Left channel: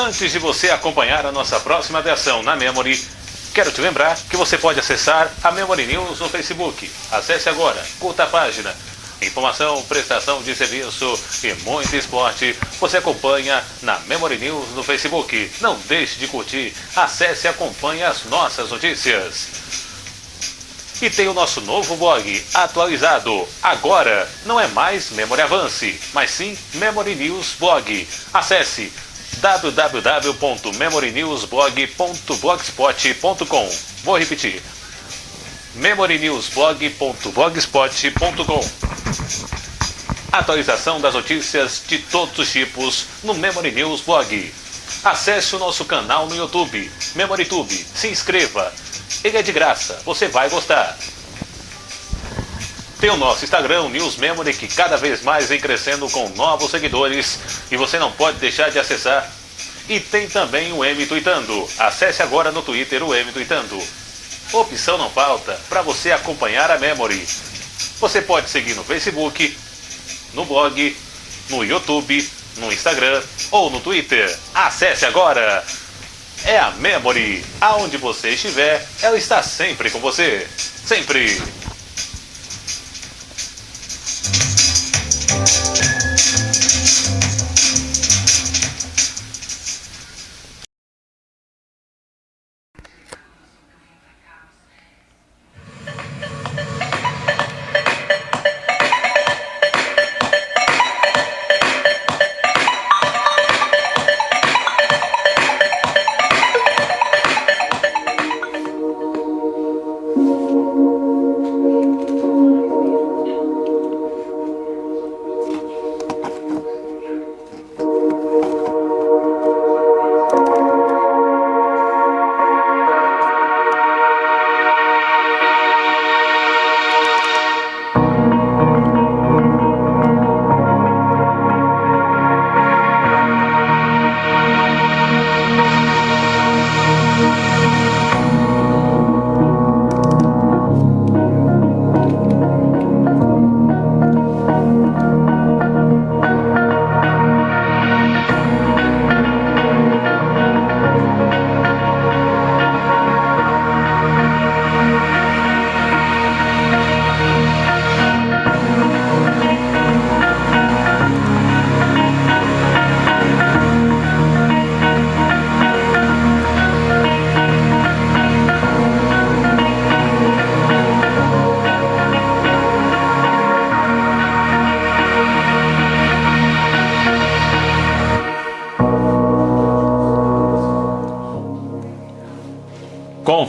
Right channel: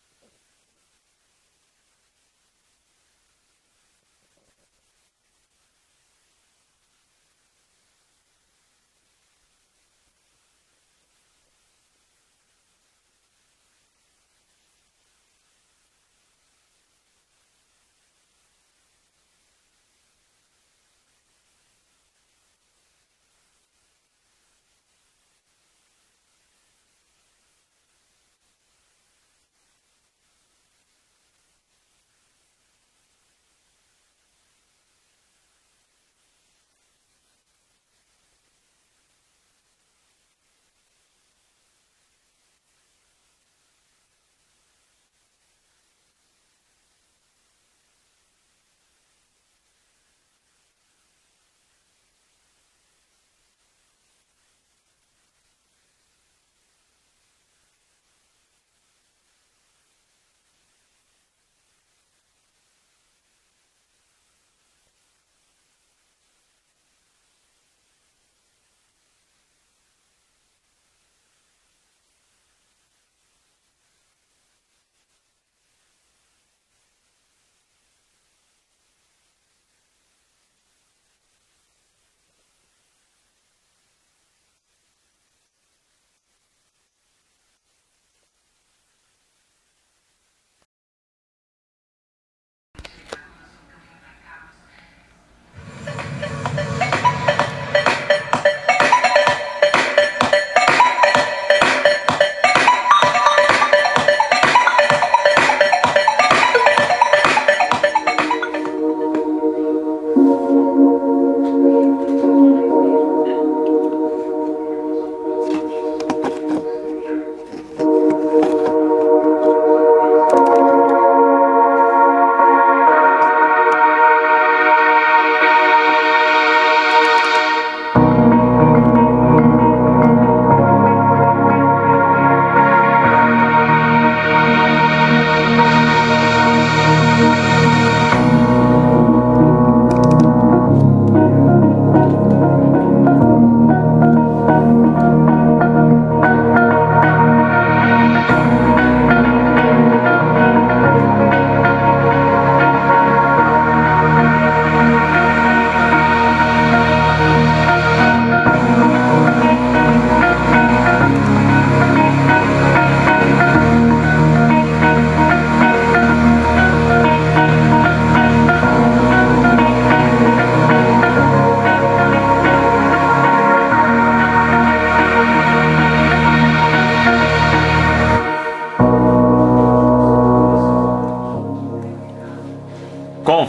Antes de você acompanhar a nossa próxima atração na Memory, quero te lembrar que você pode acessar a Memory News no Facebook. Acesse agora, curta a página. Informação, prestação de serviço e muito esporte você acompanha na Memory News no Facebook. Não deixe de curtir, acesse e acompanhe as nossas notícias. E tem o nosso novo blog atualizado. Agora não é mais Memory Avance, mas sim Memory News Blog. Acesse www.memorynewsblog.blogspot.com. Vou repetir: memorynewsblog.blogspot.com. Atualização das notícias de todos os tipos no Memory News Blog. Acesse o nosso canal no YouTube, MemoryTube. Se inscreva. Ele é de graça, você vai gostar. Tem o nosso Instagram, News Memory, que cada vez mais vem crescendo com novos seguidores e você não pode deixar de acessar. E tem também o M Tweetando. Acesse agora no Twitter o M Tweetando. Opção não falta para você acompanhar a Memory. Você pode seguir no Facebook, no blog, no YouTube, no Instagram ou no Twitter. Acesse agora! É a Memory. Aonde você estiver, ela está sempre com você. Sempre!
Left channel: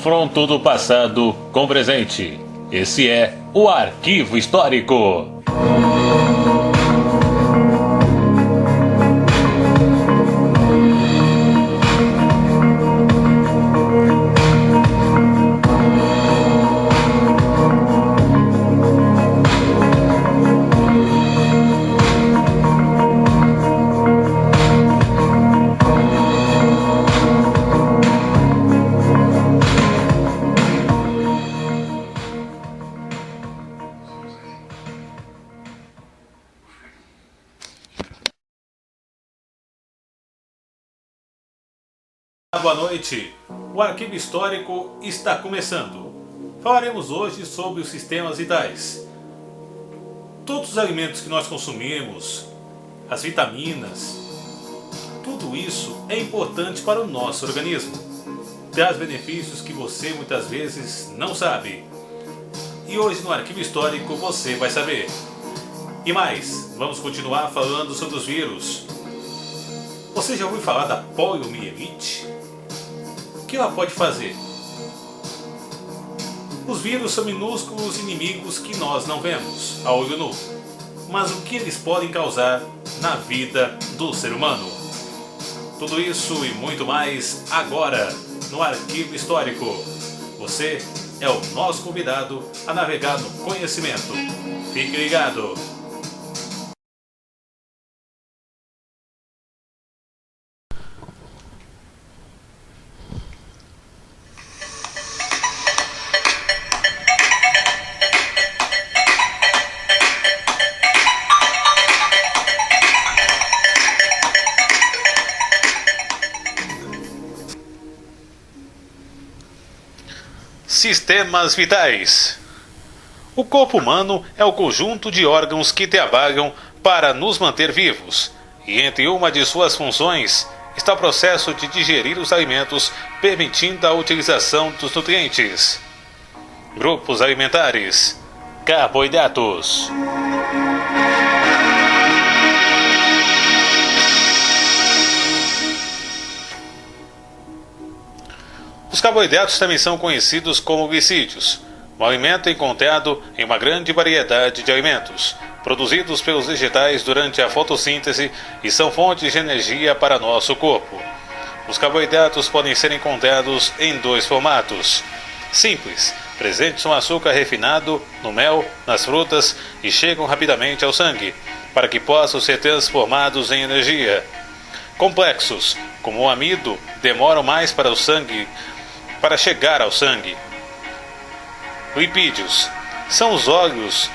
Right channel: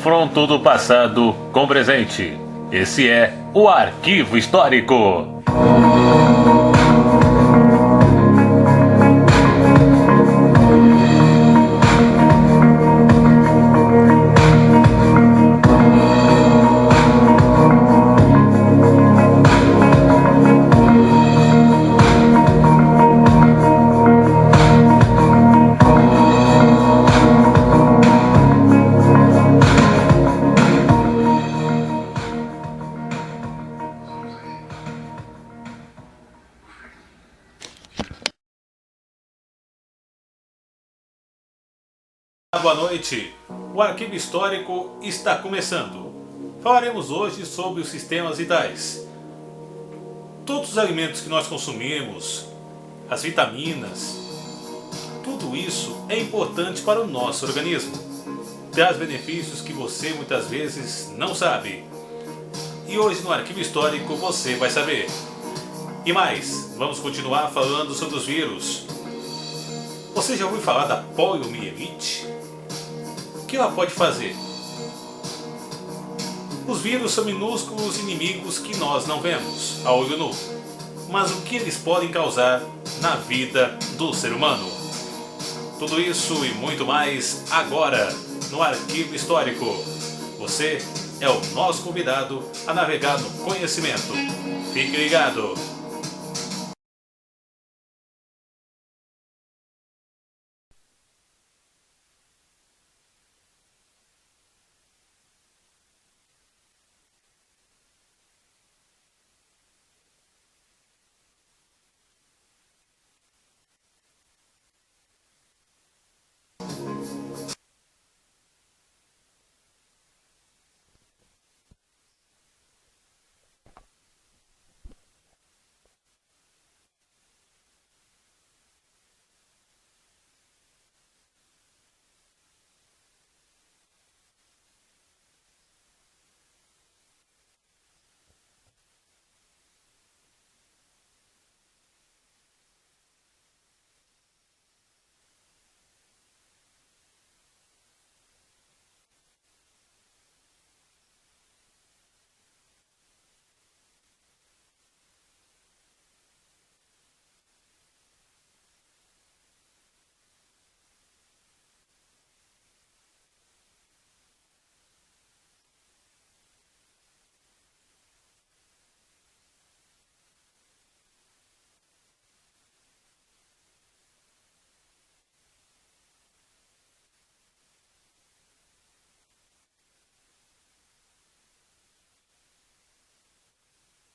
Confronto do passado com o presente. Esse é o Arquivo Histórico. Boa noite, o Arquivo Histórico está começando. Falaremos hoje sobre os sistemas vitais. Todos os alimentos que nós consumimos, as vitaminas, tudo isso é importante para o nosso organismo. Traz benefícios que você muitas vezes não sabe. E hoje no Arquivo Histórico você vai saber. E mais, vamos continuar falando sobre os vírus. Você já ouviu falar da poliomielite? O que ela pode fazer? Os vírus são minúsculos inimigos que nós não vemos a olho nu. Mas o que eles podem causar na vida do ser humano? Tudo isso e muito mais agora no Arquivo Histórico. Você é o nosso convidado a navegar no conhecimento. Fique ligado! Sistemas vitais. O corpo humano é o conjunto de órgãos que trabalham para nos manter vivos, e entre uma de suas funções está o processo de digerir os alimentos, permitindo a utilização dos nutrientes. Grupos alimentares: carboidratos. Os carboidratos também são conhecidos como glicídios, um alimento encontrado em uma grande variedade de alimentos, produzidos pelos vegetais durante a fotossíntese e são fontes de energia para nosso corpo. Os carboidratos podem ser encontrados em dois formatos: simples, presentes no açúcar refinado, no mel, nas frutas e chegam rapidamente ao sangue, para que possam ser transformados em energia. Complexos, como o amido, demoram mais para chegar ao sangue. Lipídios são os óleos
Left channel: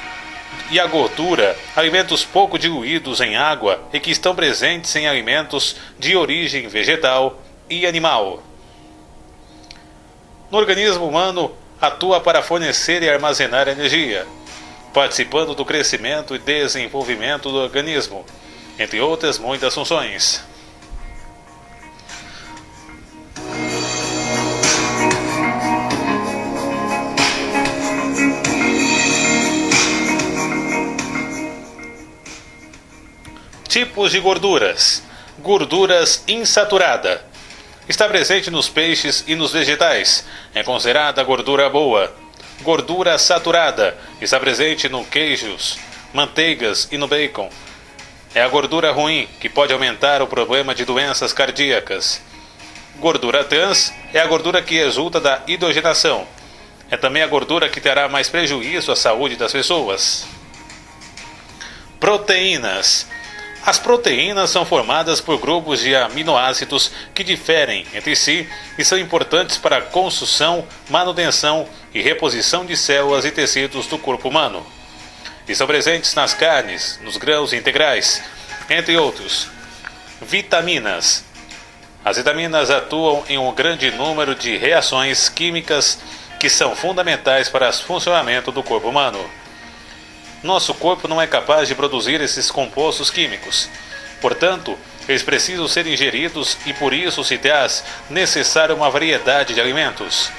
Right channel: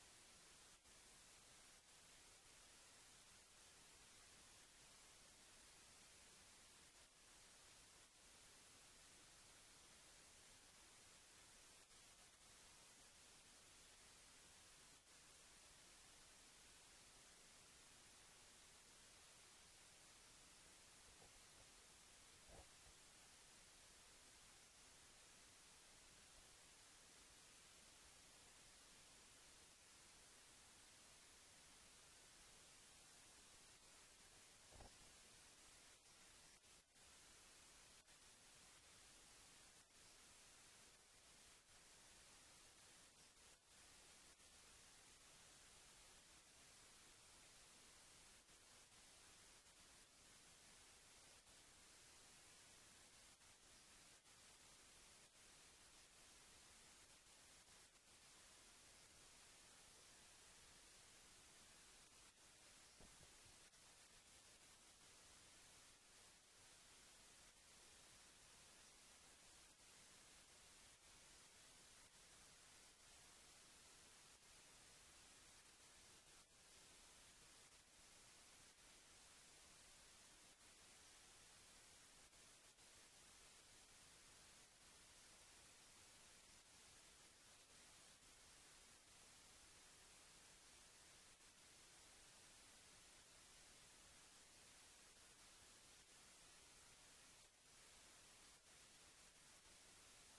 e a gordura, alimentos pouco diluídos em água e que estão presentes em alimentos de origem vegetal e animal. No organismo humano, atua para fornecer e armazenar energia, participando do crescimento e desenvolvimento do organismo, entre outras muitas funções. Tipos de gorduras. Gorduras insaturada. Está presente nos peixes e nos vegetais. É considerada gordura boa. Gordura saturada. Está presente no queijos, manteigas e no bacon. É a gordura ruim, que pode aumentar o problema de doenças cardíacas. Gordura trans é a gordura que resulta da hidrogenação. É também a gordura que terá mais prejuízo à saúde das pessoas. Proteínas. As proteínas são formadas por grupos de aminoácidos que diferem entre si e são importantes para a construção, manutenção e reposição de células e tecidos do corpo humano. Estão presentes nas carnes, nos grãos integrais, entre outros. Vitaminas. As vitaminas atuam em um grande número de reações químicas que são fundamentais para o funcionamento do corpo humano. Nosso corpo não é capaz de produzir esses compostos químicos. Portanto, eles precisam ser ingeridos e por isso se traz necessária uma variedade de alimentos.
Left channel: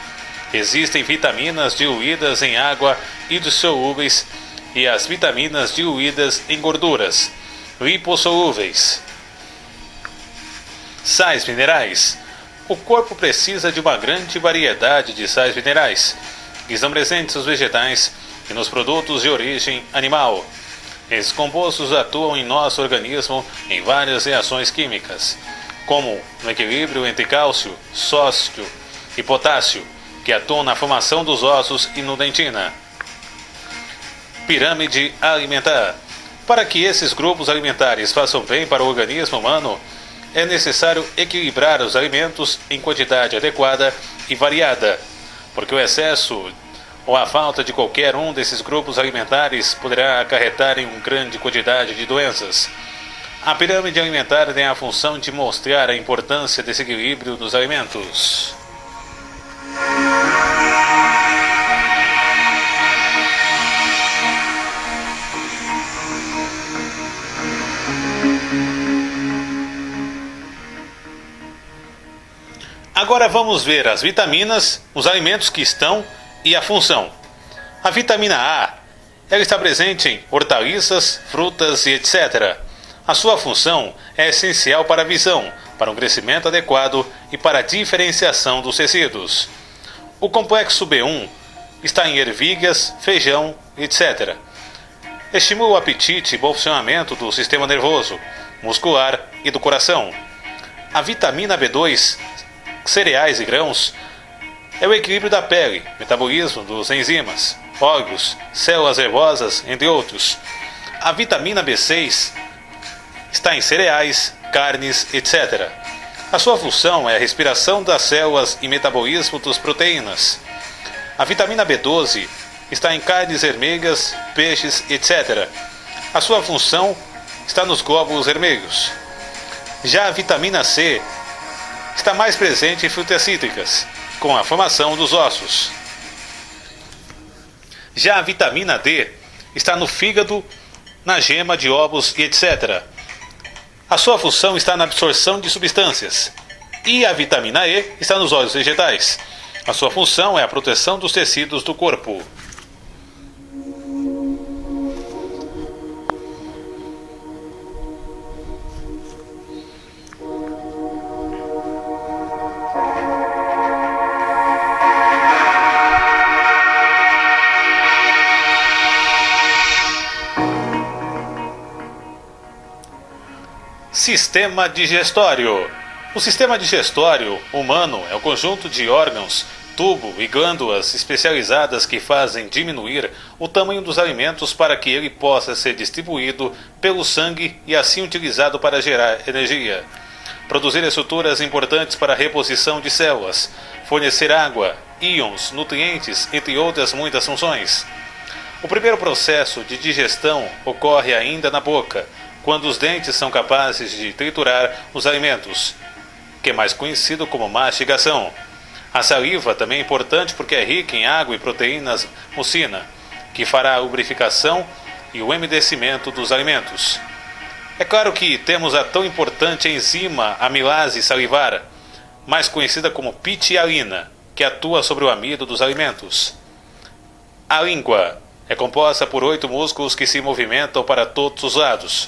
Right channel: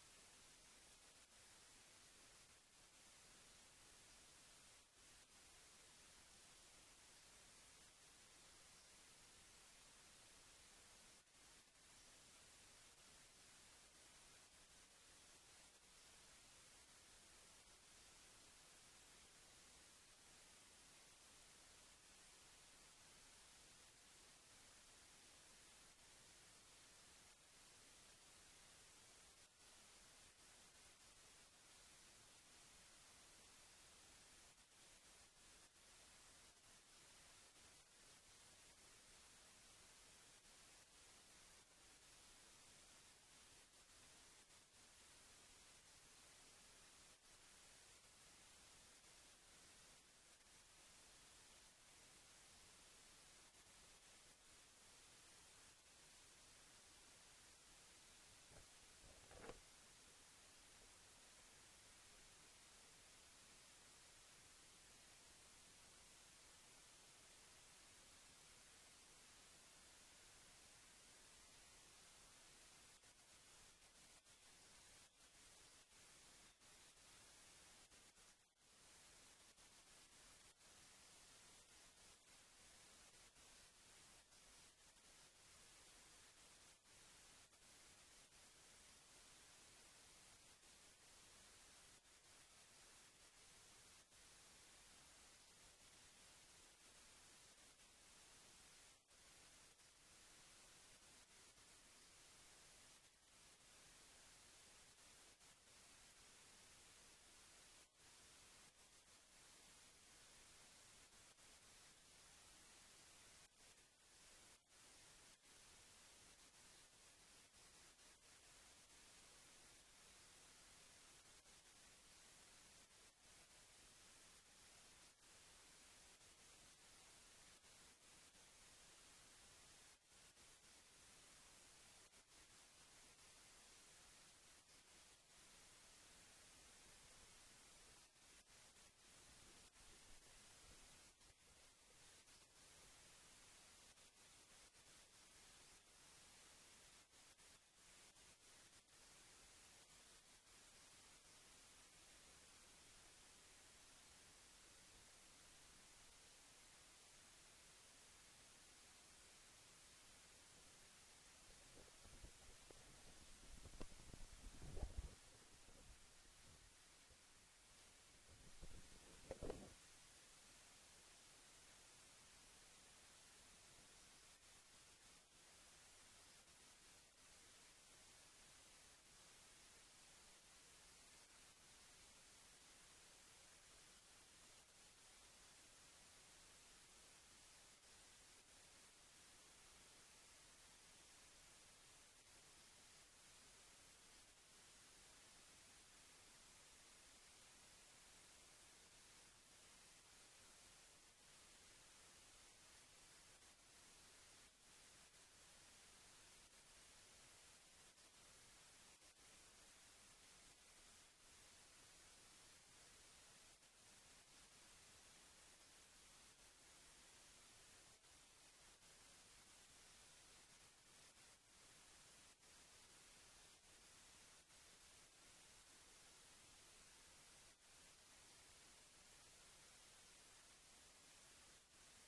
Existem vitaminas diluídas em água hidrossolúveis e as vitaminas diluídas em gorduras, lipossolúveis. Sais minerais. O corpo precisa de uma grande variedade de sais minerais, que estão presentes nos vegetais e nos produtos de origem animal. Esses compostos atuam em nosso organismo em várias reações químicas, como no equilíbrio entre cálcio, sódio e potássio, que atuam na formação dos ossos e no dentina. Pirâmide alimentar. Para que esses grupos alimentares façam bem para o organismo humano, é necessário equilibrar os alimentos em quantidade adequada e variada, porque o excesso ou a falta de qualquer um desses grupos alimentares poderá acarretar em uma grande quantidade de doenças. A pirâmide alimentar tem a função de mostrar a importância desse equilíbrio dos alimentos. Agora vamos ver as vitaminas, os alimentos que estão e a função. A vitamina A, ela está presente em hortaliças, frutas e etc. A sua função é essencial para a visão, para um crescimento adequado e para a diferenciação dos tecidos. O complexo B1 está em ervilhas, feijão, etc. Estimula o apetite e bom funcionamento do sistema nervoso, muscular e do coração. A vitamina B2, cereais e grãos, é o equilíbrio da pele, metabolismo dos enzimas, óleos, células nervosas, entre outros. A vitamina B6 está em cereais, carnes, etc. A sua função é a respiração das células e metabolismo das proteínas. A vitamina B12 está em carnes vermelhas, peixes, etc. A sua função está nos glóbulos vermelhos. Já a vitamina C está mais presente em frutas cítricas, com a formação dos ossos. Já a vitamina D está no fígado, na gema de ovos e etc. A sua função está na absorção de substâncias. E a vitamina E está nos óleos vegetais. A sua função é a proteção dos tecidos do corpo. Sistema digestório. O sistema digestório humano é o conjunto de órgãos, tubo e glândulas especializadas que fazem diminuir o tamanho dos alimentos para que ele possa ser distribuído pelo sangue e assim utilizado para gerar energia, produzir estruturas importantes para a reposição de células, fornecer água, íons, nutrientes, entre outras muitas funções. O primeiro processo de digestão ocorre ainda na boca, quando os dentes são capazes de triturar os alimentos, que é mais conhecido como mastigação. A saliva também é importante porque é rica em água e proteínas mucina, que fará a lubrificação e o umedecimento dos alimentos. É claro que temos a tão importante enzima amilase salivar, mais conhecida como pitialina, que atua sobre o amido dos alimentos. A língua é composta por 8 músculos que se movimentam para todos os lados,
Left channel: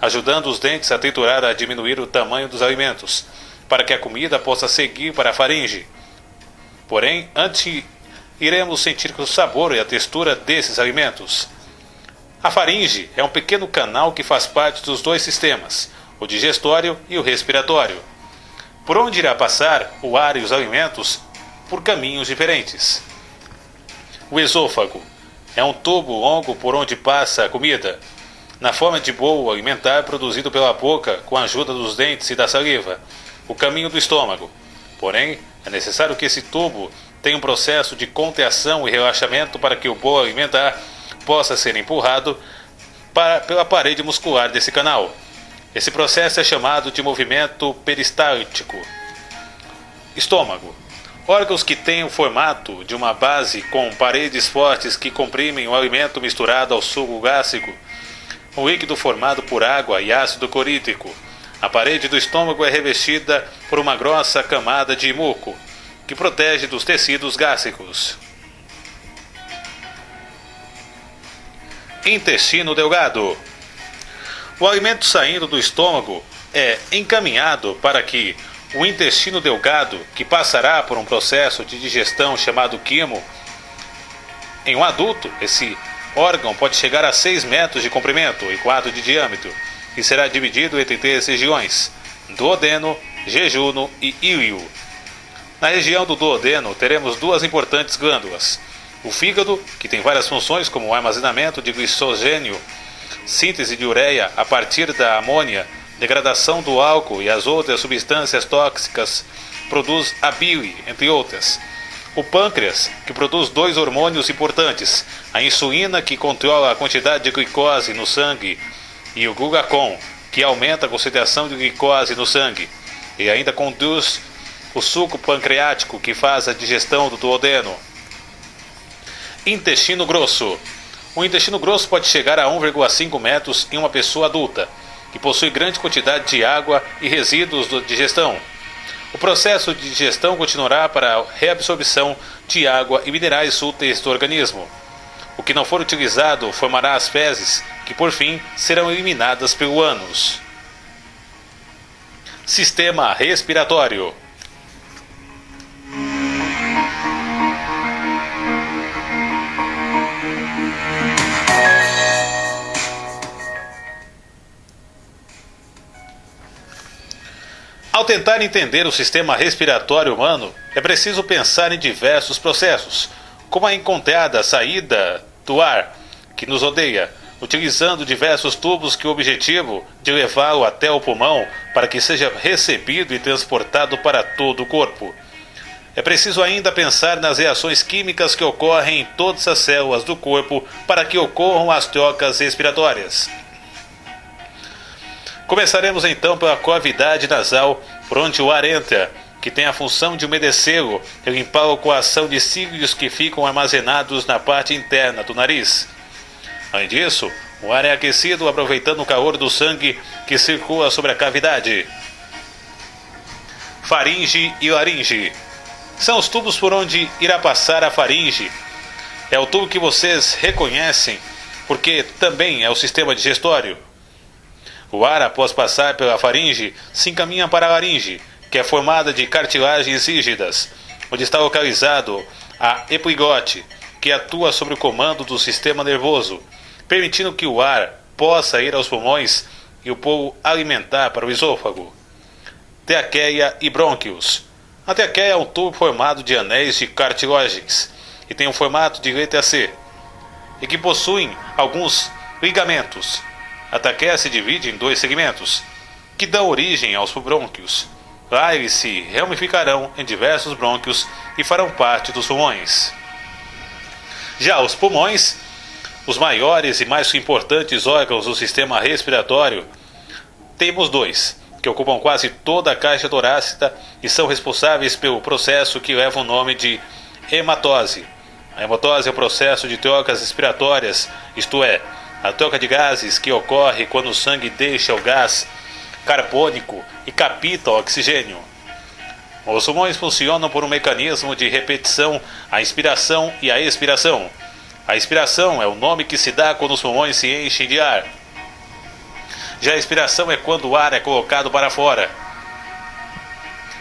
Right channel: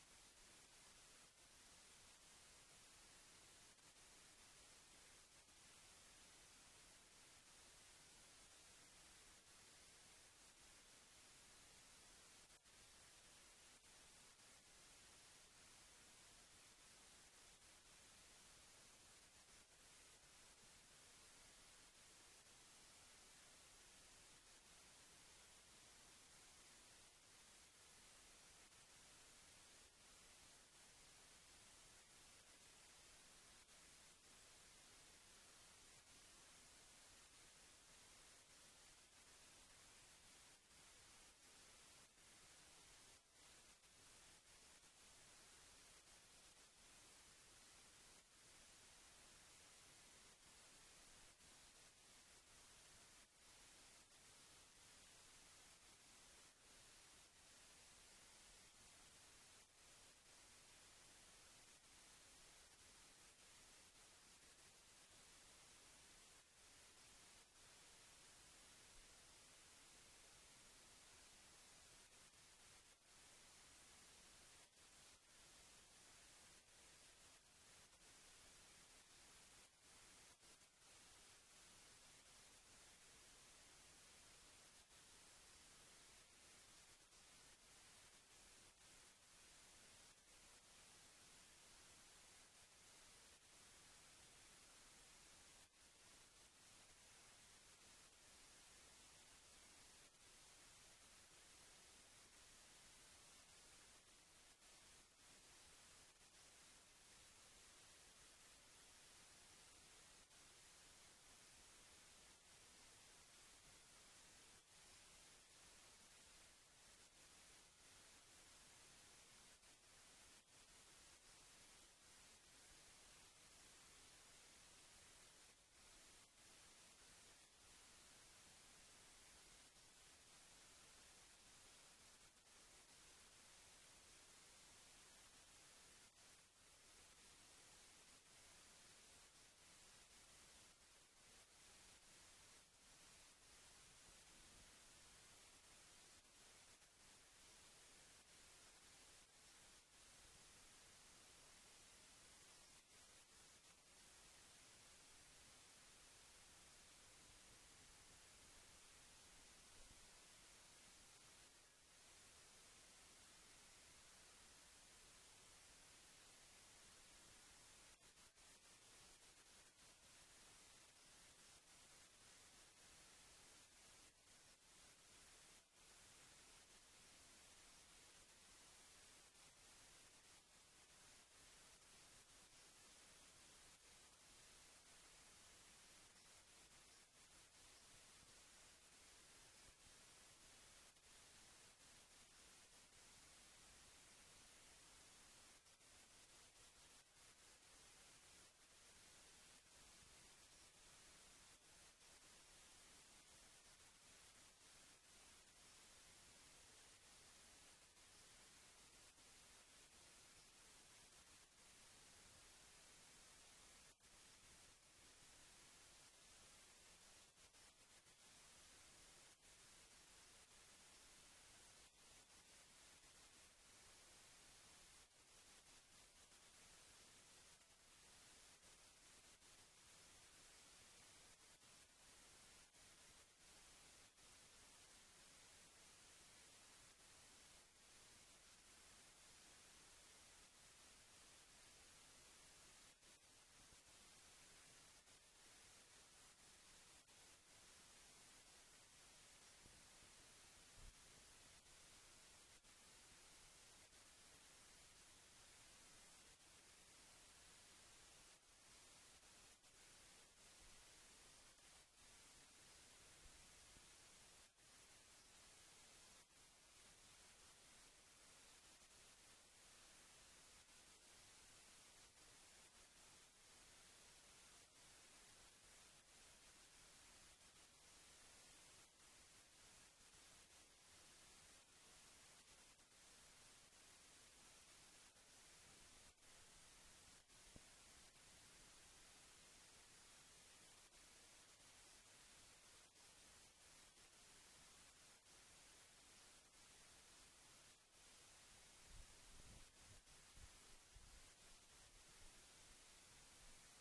ajudando os dentes a triturar a diminuir o tamanho dos alimentos, para que a comida possa seguir para a faringe. Porém, antes iremos sentir o sabor e a textura desses alimentos. A faringe é um pequeno canal que faz parte dos dois sistemas, o digestório e o respiratório, por onde irá passar o ar e os alimentos por caminhos diferentes. O esôfago é um tubo longo por onde passa a comida, na forma de bolo alimentar produzido pela boca com a ajuda dos dentes e da saliva, o caminho do estômago. Porém, é necessário que esse tubo tenha um processo de contração e relaxamento para que o bolo alimentar possa ser empurrado pela parede muscular desse canal. Esse processo é chamado de movimento peristáltico. Estômago. Órgãos que têm o formato de uma base com paredes fortes que comprimem o alimento misturado ao suco gástrico, um líquido formado por água e ácido clorídrico. A parede do estômago é revestida por uma grossa camada de muco, que protege dos tecidos gástricos. Intestino delgado. O alimento saindo do estômago é encaminhado para que o intestino delgado, que passará por um processo de digestão chamado quimo. Em um adulto, esse órgão pode chegar a 6 metros de comprimento e 4 de diâmetro, e será dividido entre 3 regiões: duodeno, jejuno e íleo. Na região do duodeno teremos 2 importantes glândulas: o fígado, que tem várias funções como o armazenamento de glicogênio, síntese de ureia a partir da amônia, degradação do álcool e as outras substâncias tóxicas, produz a bile, entre outras. O pâncreas, que produz 2 hormônios importantes: a insulina, que controla a quantidade de glicose no sangue, e o glucagon, que aumenta a concentração de glicose no sangue, e ainda conduz o suco pancreático, que faz a digestão do duodeno. Intestino grosso. O intestino grosso pode chegar a 1,5 metros em uma pessoa adulta, que possui grande quantidade de água e resíduos de digestão. O processo de digestão continuará para a reabsorção de água e minerais úteis do organismo. O que não for utilizado formará as fezes, que por fim serão eliminadas pelo ânus. Sistema respiratório. Ao tentar entender o sistema respiratório humano, é preciso pensar em diversos processos, como a encontrada saída do ar que nos rodeia, utilizando diversos tubos com o objetivo de levá-lo até o pulmão para que seja recebido e transportado para todo o corpo. É preciso ainda pensar nas reações químicas que ocorrem em todas as células do corpo para que ocorram as trocas respiratórias. Começaremos então pela cavidade nasal, por onde o ar entra, que tem a função de umedecê-lo e limpá-lo com a ação de cílios que ficam armazenados na parte interna do nariz. Além disso, o ar é aquecido aproveitando o calor do sangue que circula sobre a cavidade. Faringe e laringe são os tubos por onde irá passar a faringe. É o tubo que vocês reconhecem, porque também é o sistema digestório. O ar, após passar pela faringe, se encaminha para a laringe, que é formada de cartilagens rígidas, onde está localizado a epiglóte, que atua sob o comando do sistema nervoso, permitindo que o ar possa ir aos pulmões e o polo alimentar para o esôfago. Traqueia e brônquios. A traqueia é um tubo formado de anéis de cartilagens e tem um formato de letra C, e que possuem alguns ligamentos. A traqueia se divide em 2 segmentos, que dão origem aos brônquios. Lá eles se ramificarão em diversos brônquios e farão parte dos pulmões. Já os pulmões, os maiores e mais importantes órgãos do sistema respiratório, temos 2, que ocupam quase toda a caixa torácica e são responsáveis pelo processo que leva o nome de hematose. A hematose é o processo de trocas respiratórias, isto é, a troca de gases que ocorre quando o sangue deixa o gás carbônico e capta o oxigênio. Os pulmões funcionam por um mecanismo de repetição, a inspiração e a expiração. A inspiração é o nome que se dá quando os pulmões se enchem de ar. Já a expiração é quando o ar é colocado para fora.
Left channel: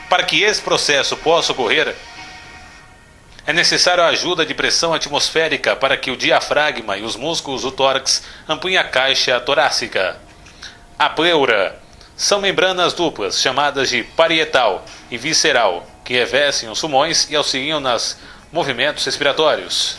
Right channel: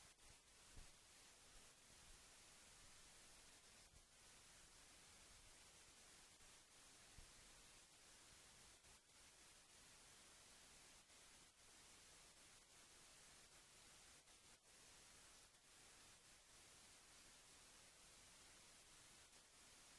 Para que esse processo possa ocorrer, é necessário a ajuda de pressão atmosférica para que o diafragma e os músculos do tórax ampliem a caixa torácica. A pleura são membranas duplas, chamadas de parietal e visceral, que revestem os pulmões e auxiliam nos movimentos respiratórios.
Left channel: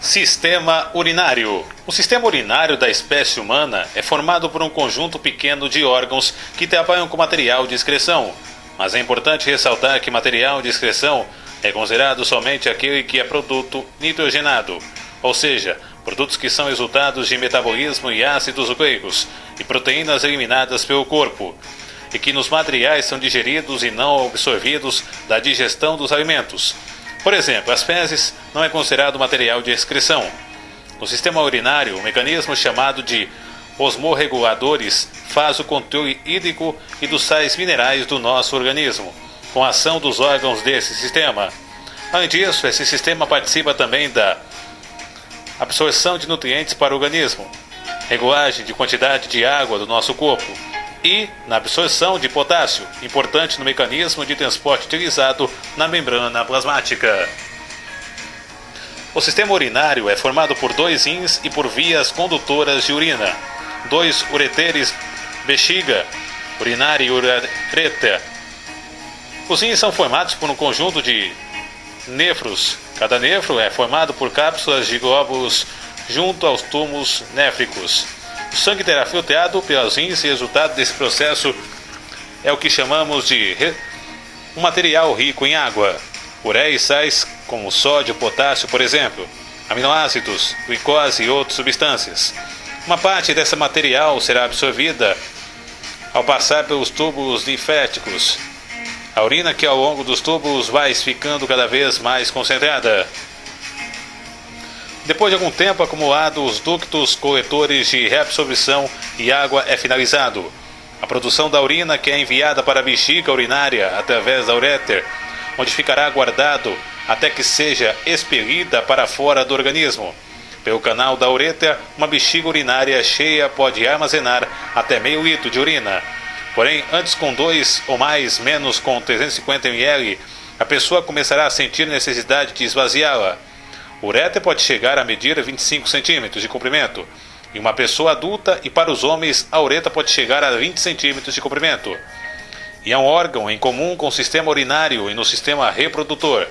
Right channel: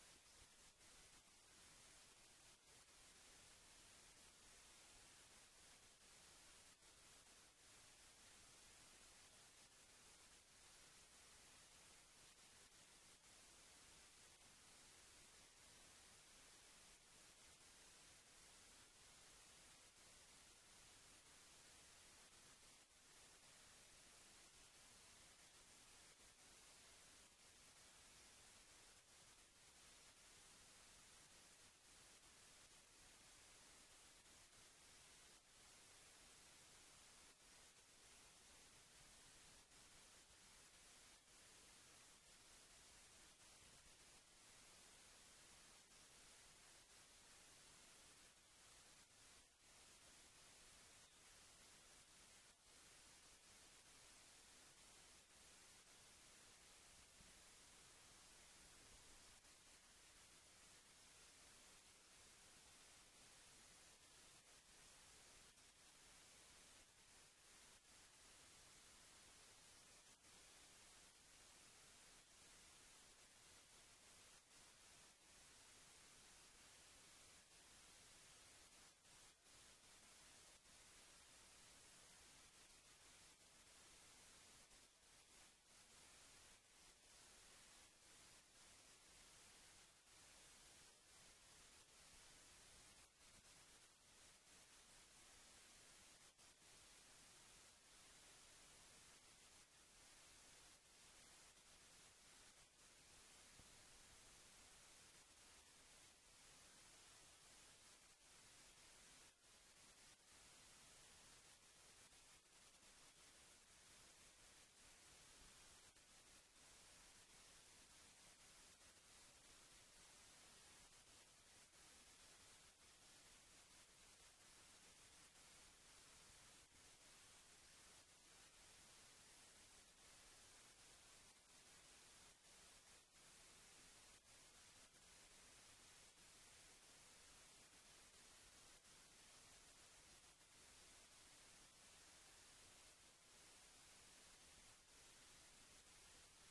Sistema urinário. O sistema urinário da espécie humana é formado por um conjunto pequeno de órgãos que trabalham com material de excreção. Mas é importante ressaltar que material de excreção é considerado somente aquele que é produto nitrogenado, ou seja, produtos que são resultados de metabolismo e ácidos nucleicos e proteínas eliminadas pelo corpo, e que nos materiais são digeridos e não absorvidos da digestão dos alimentos. Por exemplo, as fezes não é considerado material de excreção. No sistema urinário, um mecanismo chamado de osmorreguladores faz o controle hídrico e dos sais minerais do nosso organismo, com a ação dos órgãos desse sistema. Além disso, esse sistema participa também da absorção de nutrientes para o organismo, regulagem de quantidade de água do nosso corpo e na absorção de potássio, importante no mecanismo de transporte utilizado na membrana plasmática. O sistema urinário é formado por 2 rins e por vias condutoras de urina, 2 ureteres, bexiga, urinária e uretra. Os rins são formados por um conjunto de néfros. Cada néfro é formado por cápsulas de glóbulos junto aos túmulos néfricos. O sangue terá filtrado pelos rins e o resultado desse processo é o que chamamos de um material rico em água, ureia e sais como sódio, potássio, por exemplo, aminoácidos, glicose e outras substâncias. Uma parte desse material será absorvida ao passar pelos túbulos linféticos. A urina que ao longo dos túbulos vai ficando cada vez mais concentrada. Depois de algum tempo acumulado, os ductos coletores de reabsorção e água é finalizado. A produção da urina que é enviada para a bexiga urinária através da ureter, onde ficará guardado até que seja expelida para fora do organismo. Pelo canal da uretra, uma bexiga urinária cheia pode armazenar até meio litro de urina. Porém, antes com 2 ou mais, menos com 350 ml, a pessoa começará a sentir necessidade de esvaziá-la. A uretra pode chegar a medir 25 centímetros de comprimento. Em uma pessoa adulta e para os homens, a uretra pode chegar a 20 centímetros de comprimento. E é um órgão em comum com o sistema urinário e no sistema reprodutor.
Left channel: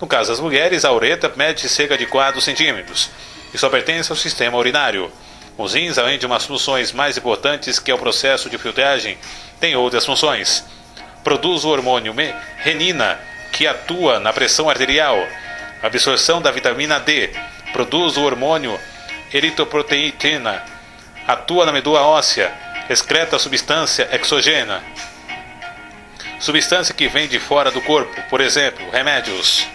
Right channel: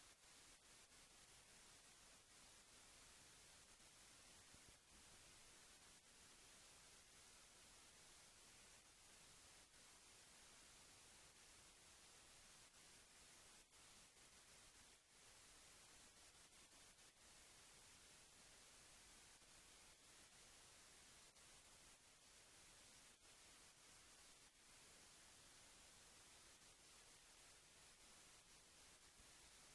No caso das mulheres, a uretra mede cerca de 4 centímetros e só pertence ao sistema urinário. Os rins, além de umas funções mais importantes que é o processo de filtragem, têm outras funções. produz o hormônio renina, que atua na pressão arterial. Absorção da vitamina D, produz o hormônio eritropoetina, atua na medula óssea, excreta substância exógena, substância que vem de fora do corpo, por exemplo, remédios.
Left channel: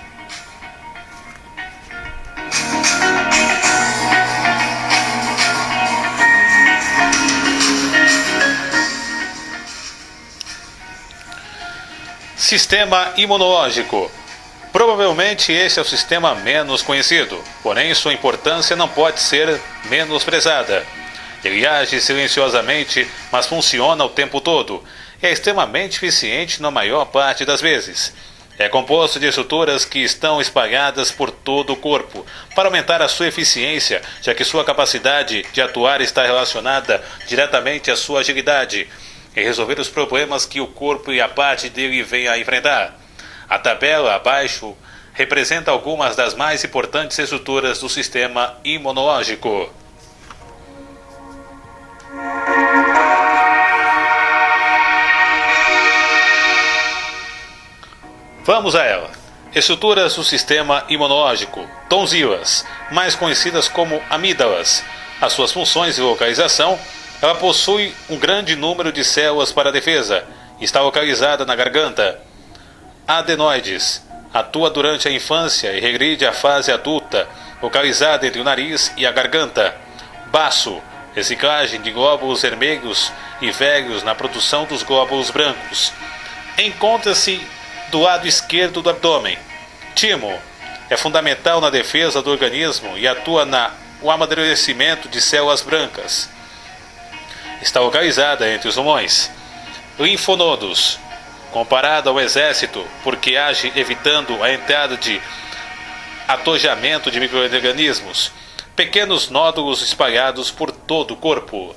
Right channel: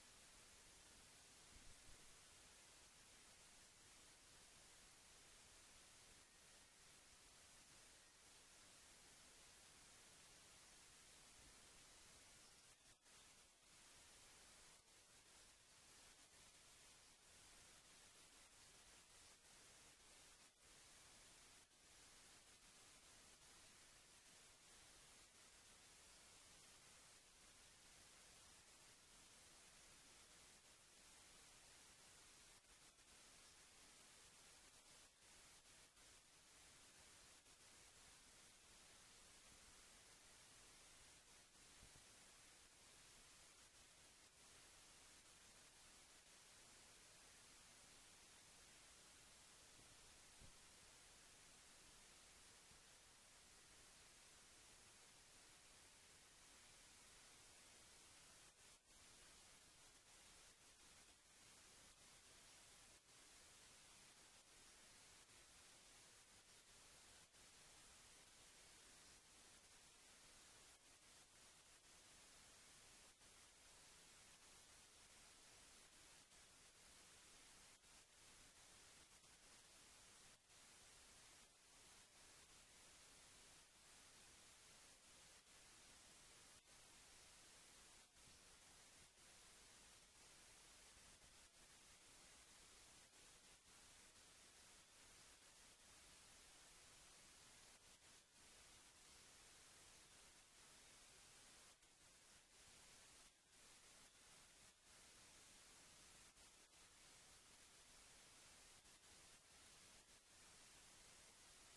Sistema imunológico. Provavelmente este é o sistema menos conhecido, porém sua importância não pode ser menosprezada. Ele age silenciosamente, mas funciona o tempo todo. É extremamente eficiente na maior parte das vezes. É composto de estruturas que estão espalhadas por todo o corpo, para aumentar a sua eficiência, já que sua capacidade de atuar está relacionada diretamente à sua agilidade em resolver os problemas que o corpo e a parte dele vêm a enfrentar. A tabela abaixo representa algumas das mais importantes estruturas do sistema imunológico. Vamos a ela. Estruturas do sistema imunológico. Tonzilas, mais conhecidas como amígdalas. As suas funções e localização: ela possui um grande número de células para a defesa. Está localizada na garganta. Adenoides. Atua durante a infância e regride à fase adulta, localizada entre o nariz e a garganta. Baço. Reciclagem de glóbulos vermelhos e velhos na produção dos glóbulos brancos. Encontra-se do lado esquerdo do abdômen. Timo. É fundamental na defesa do organismo e atua no amadurecimento de células brancas. Está localizada entre os pulmões. Linfonodos. Comparada ao exército, porque age evitando a entrada de atojamento de micro-organismos. Pequenos nódulos espalhados por todo o corpo.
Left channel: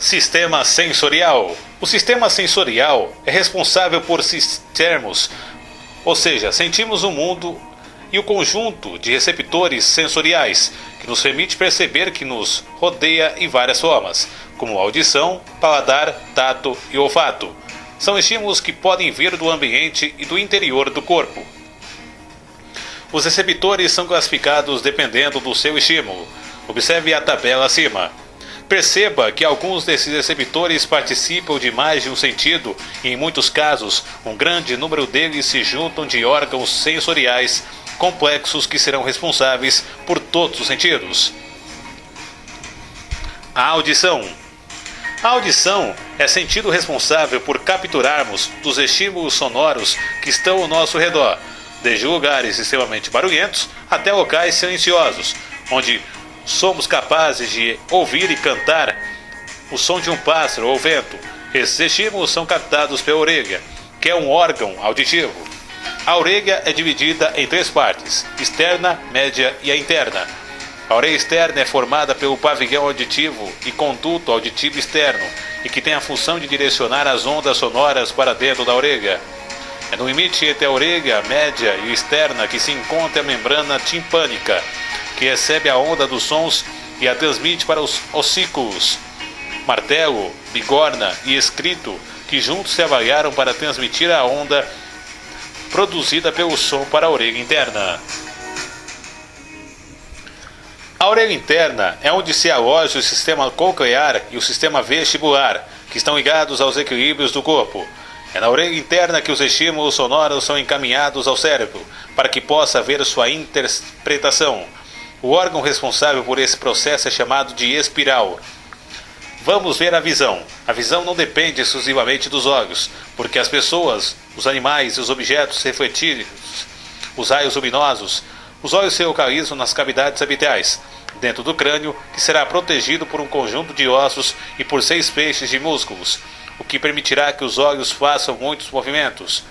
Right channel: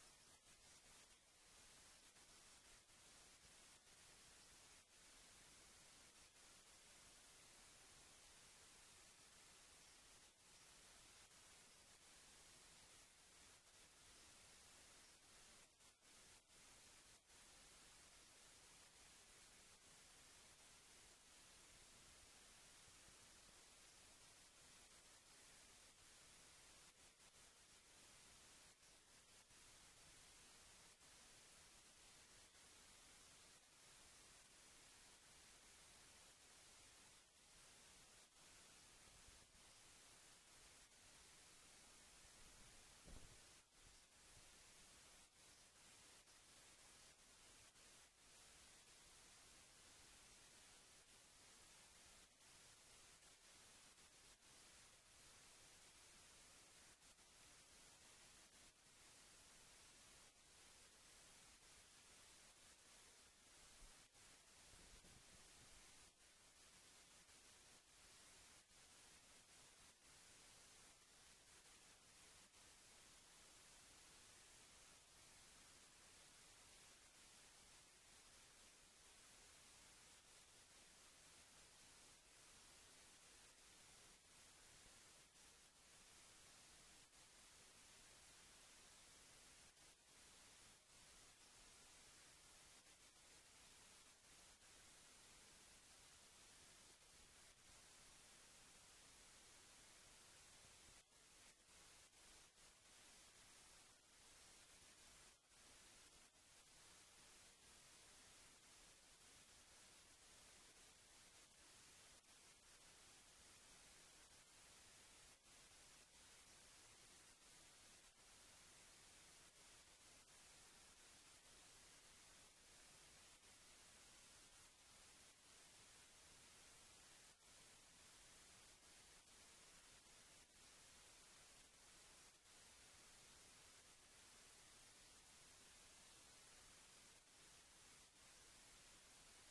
Sistema sensorial. O sistema sensorial é responsável por termos, ou seja, sentimos o mundo e o conjunto de receptores sensoriais que nos permite perceber que nos rodeia em várias formas, como audição, paladar, tato e olfato. São estímulos que podem vir do ambiente e do interior do corpo. Os receptores são classificados dependendo do seu estímulo. Observe a tabela acima. Perceba que alguns desses receptores participam de mais de um sentido e, em muitos casos, um grande número deles se juntam de órgãos sensoriais complexos que serão responsáveis por todos os sentidos. A audição. A audição é sentido responsável por capturarmos dos estímulos sonoros que estão ao nosso redor, desde lugares extremamente barulhentos até locais silenciosos, onde somos capazes de ouvir e cantar o som de um pássaro ou vento. Esses estímulos são captados pela orelha, que é um órgão auditivo. A orelha é dividida em três partes: externa, média e a interna. A orelha externa é formada pelo pavilhão auditivo e conduto auditivo externo, e que tem a função de direcionar as ondas sonoras para dentro da orelha. É no limite entre a orelha média e externa que se encontra a membrana timpânica, que recebe a onda dos sons e a transmite para os ossículos, martelo, bigorna e escrito, que juntos se avaliaram para transmitir a onda produzida pelo som para a orelha interna. A orelha interna é onde se aloja o sistema coclear e o sistema vestibular, que estão ligados aos equilíbrios do corpo. É na orelha interna que os estímulos sonoros são encaminhados ao cérebro, para que possa haver sua interpretação. O órgão responsável por esse processo é chamado de espiral. Vamos ver a visão. A visão não depende exclusivamente dos olhos, porque as pessoas, os animais e os objetos refletidos, os raios luminosos, os olhos se localizam nas cavidades orbitais, dentro do crânio, que será protegido por um conjunto de ossos e por 6 feixes de músculos, o que permitirá que os olhos façam muitos movimentos.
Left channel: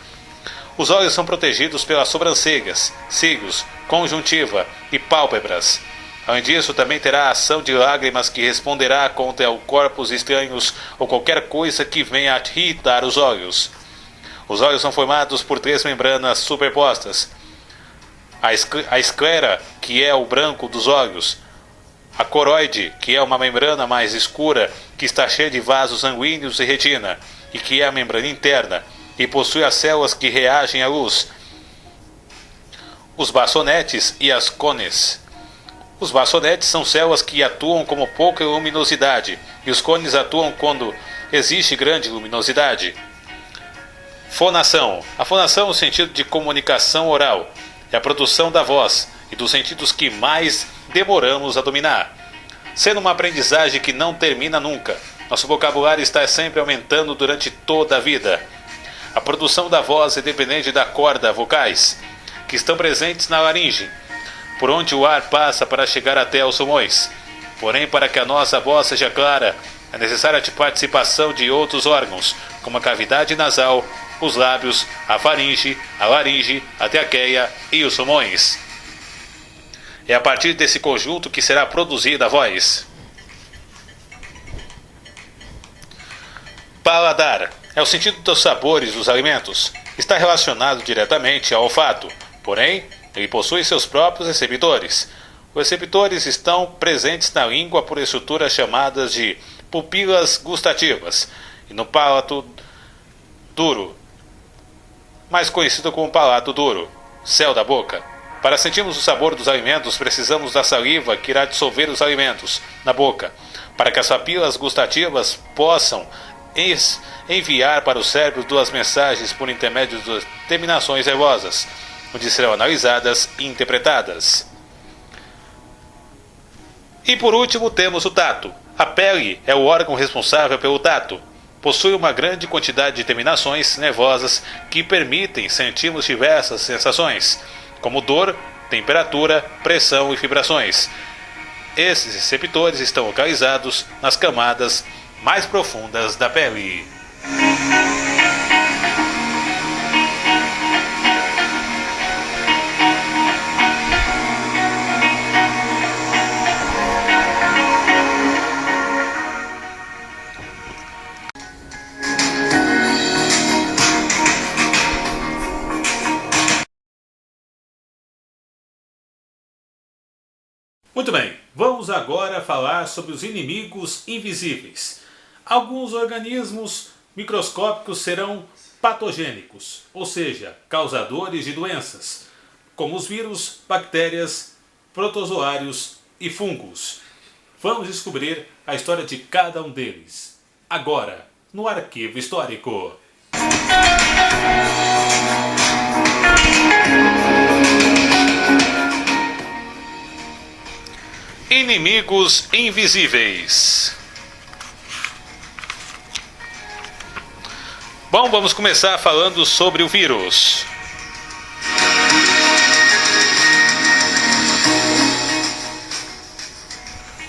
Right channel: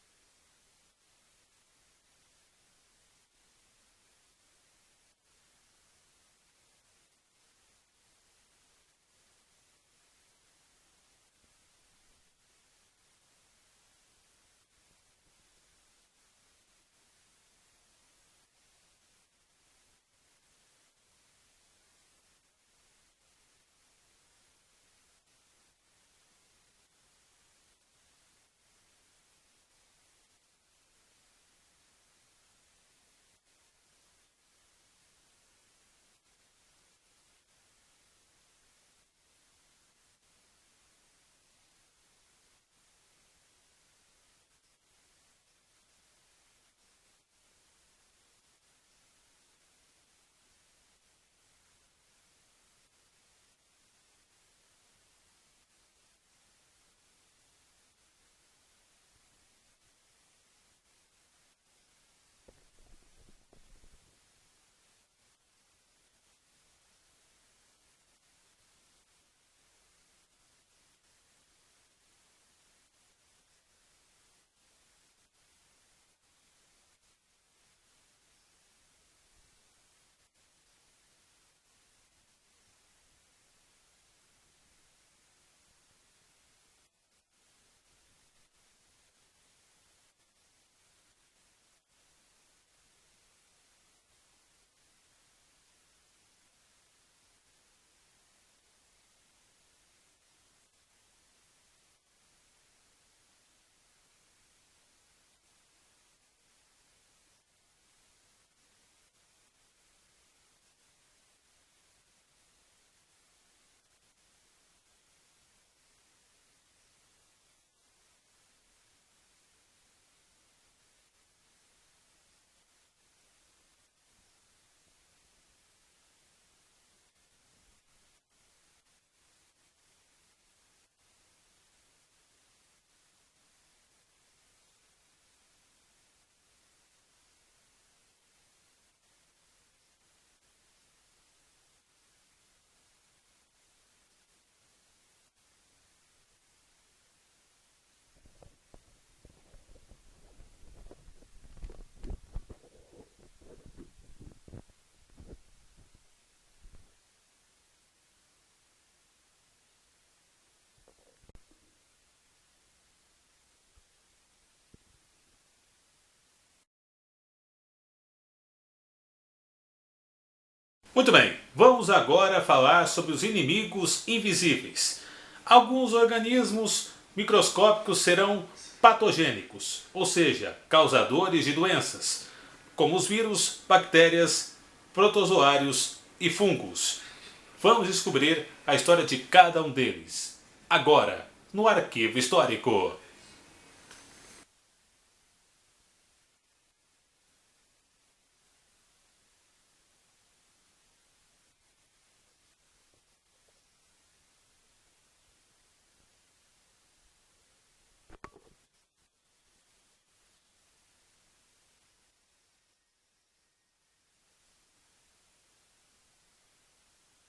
Os olhos são protegidos pelas sobrancelhas, cílios, conjuntiva e pálpebras. Além disso, também terá a ação de lágrimas que responderá contra corpos estranhos ou qualquer coisa que venha a irritar os olhos. Os olhos são formados por 3 membranas superpostas. a esclera, que é o branco dos olhos, a coroide, que é uma membrana mais escura que está cheia de vasos sanguíneos e retina, e que é a membrana interna, e possui as células que reagem à luz, os bastonetes e as cones. Os bastonetes são células que atuam com pouca luminosidade, e os cones atuam quando existe grande luminosidade. Fonação. A fonação é o sentido de comunicação oral, é a produção da voz e dos sentidos que mais demoramos a dominar. Sendo uma aprendizagem que não termina nunca, nosso vocabulário está sempre aumentando durante toda a vida. A produção da voz é dependente da corda vocais, que estão presentes na laringe, por onde o ar passa para chegar até os pulmões. Porém, para que a nossa voz seja clara, é necessária a participação de outros órgãos, como a cavidade nasal, os lábios, a faringe, a laringe, a traqueia e os pulmões. É a partir desse conjunto que será produzida a voz. Paladar é o sentido dos sabores dos alimentos. Está relacionado diretamente ao olfato, porém, ele possui seus próprios receptores. Os receptores estão presentes na língua por estruturas chamadas de pupilas gustativas e no palato duro, mais conhecido como palato duro, céu da boca. Para sentirmos o sabor dos alimentos, precisamos da saliva que irá dissolver os alimentos na boca, para que as papilas gustativas possam enviar para o cérebro duas mensagens por intermédio das terminações nervosas, onde serão analisadas e interpretadas. E por último temos o tato. A pele é o órgão responsável pelo tato. Possui uma grande quantidade de terminações nervosas que permitem sentirmos diversas sensações, como dor, temperatura, pressão e vibrações. Esses receptores estão localizados nas camadas mais profundas da pele. Muito bem, vamos agora falar sobre os inimigos invisíveis. Alguns organismos microscópicos serão patogênicos, ou seja, causadores de doenças, como os vírus, bactérias, protozoários e fungos. Vamos descobrir a história de cada um deles, agora, no Arquivo Histórico. Inimigos invisíveis. Bom, vamos começar falando sobre o vírus.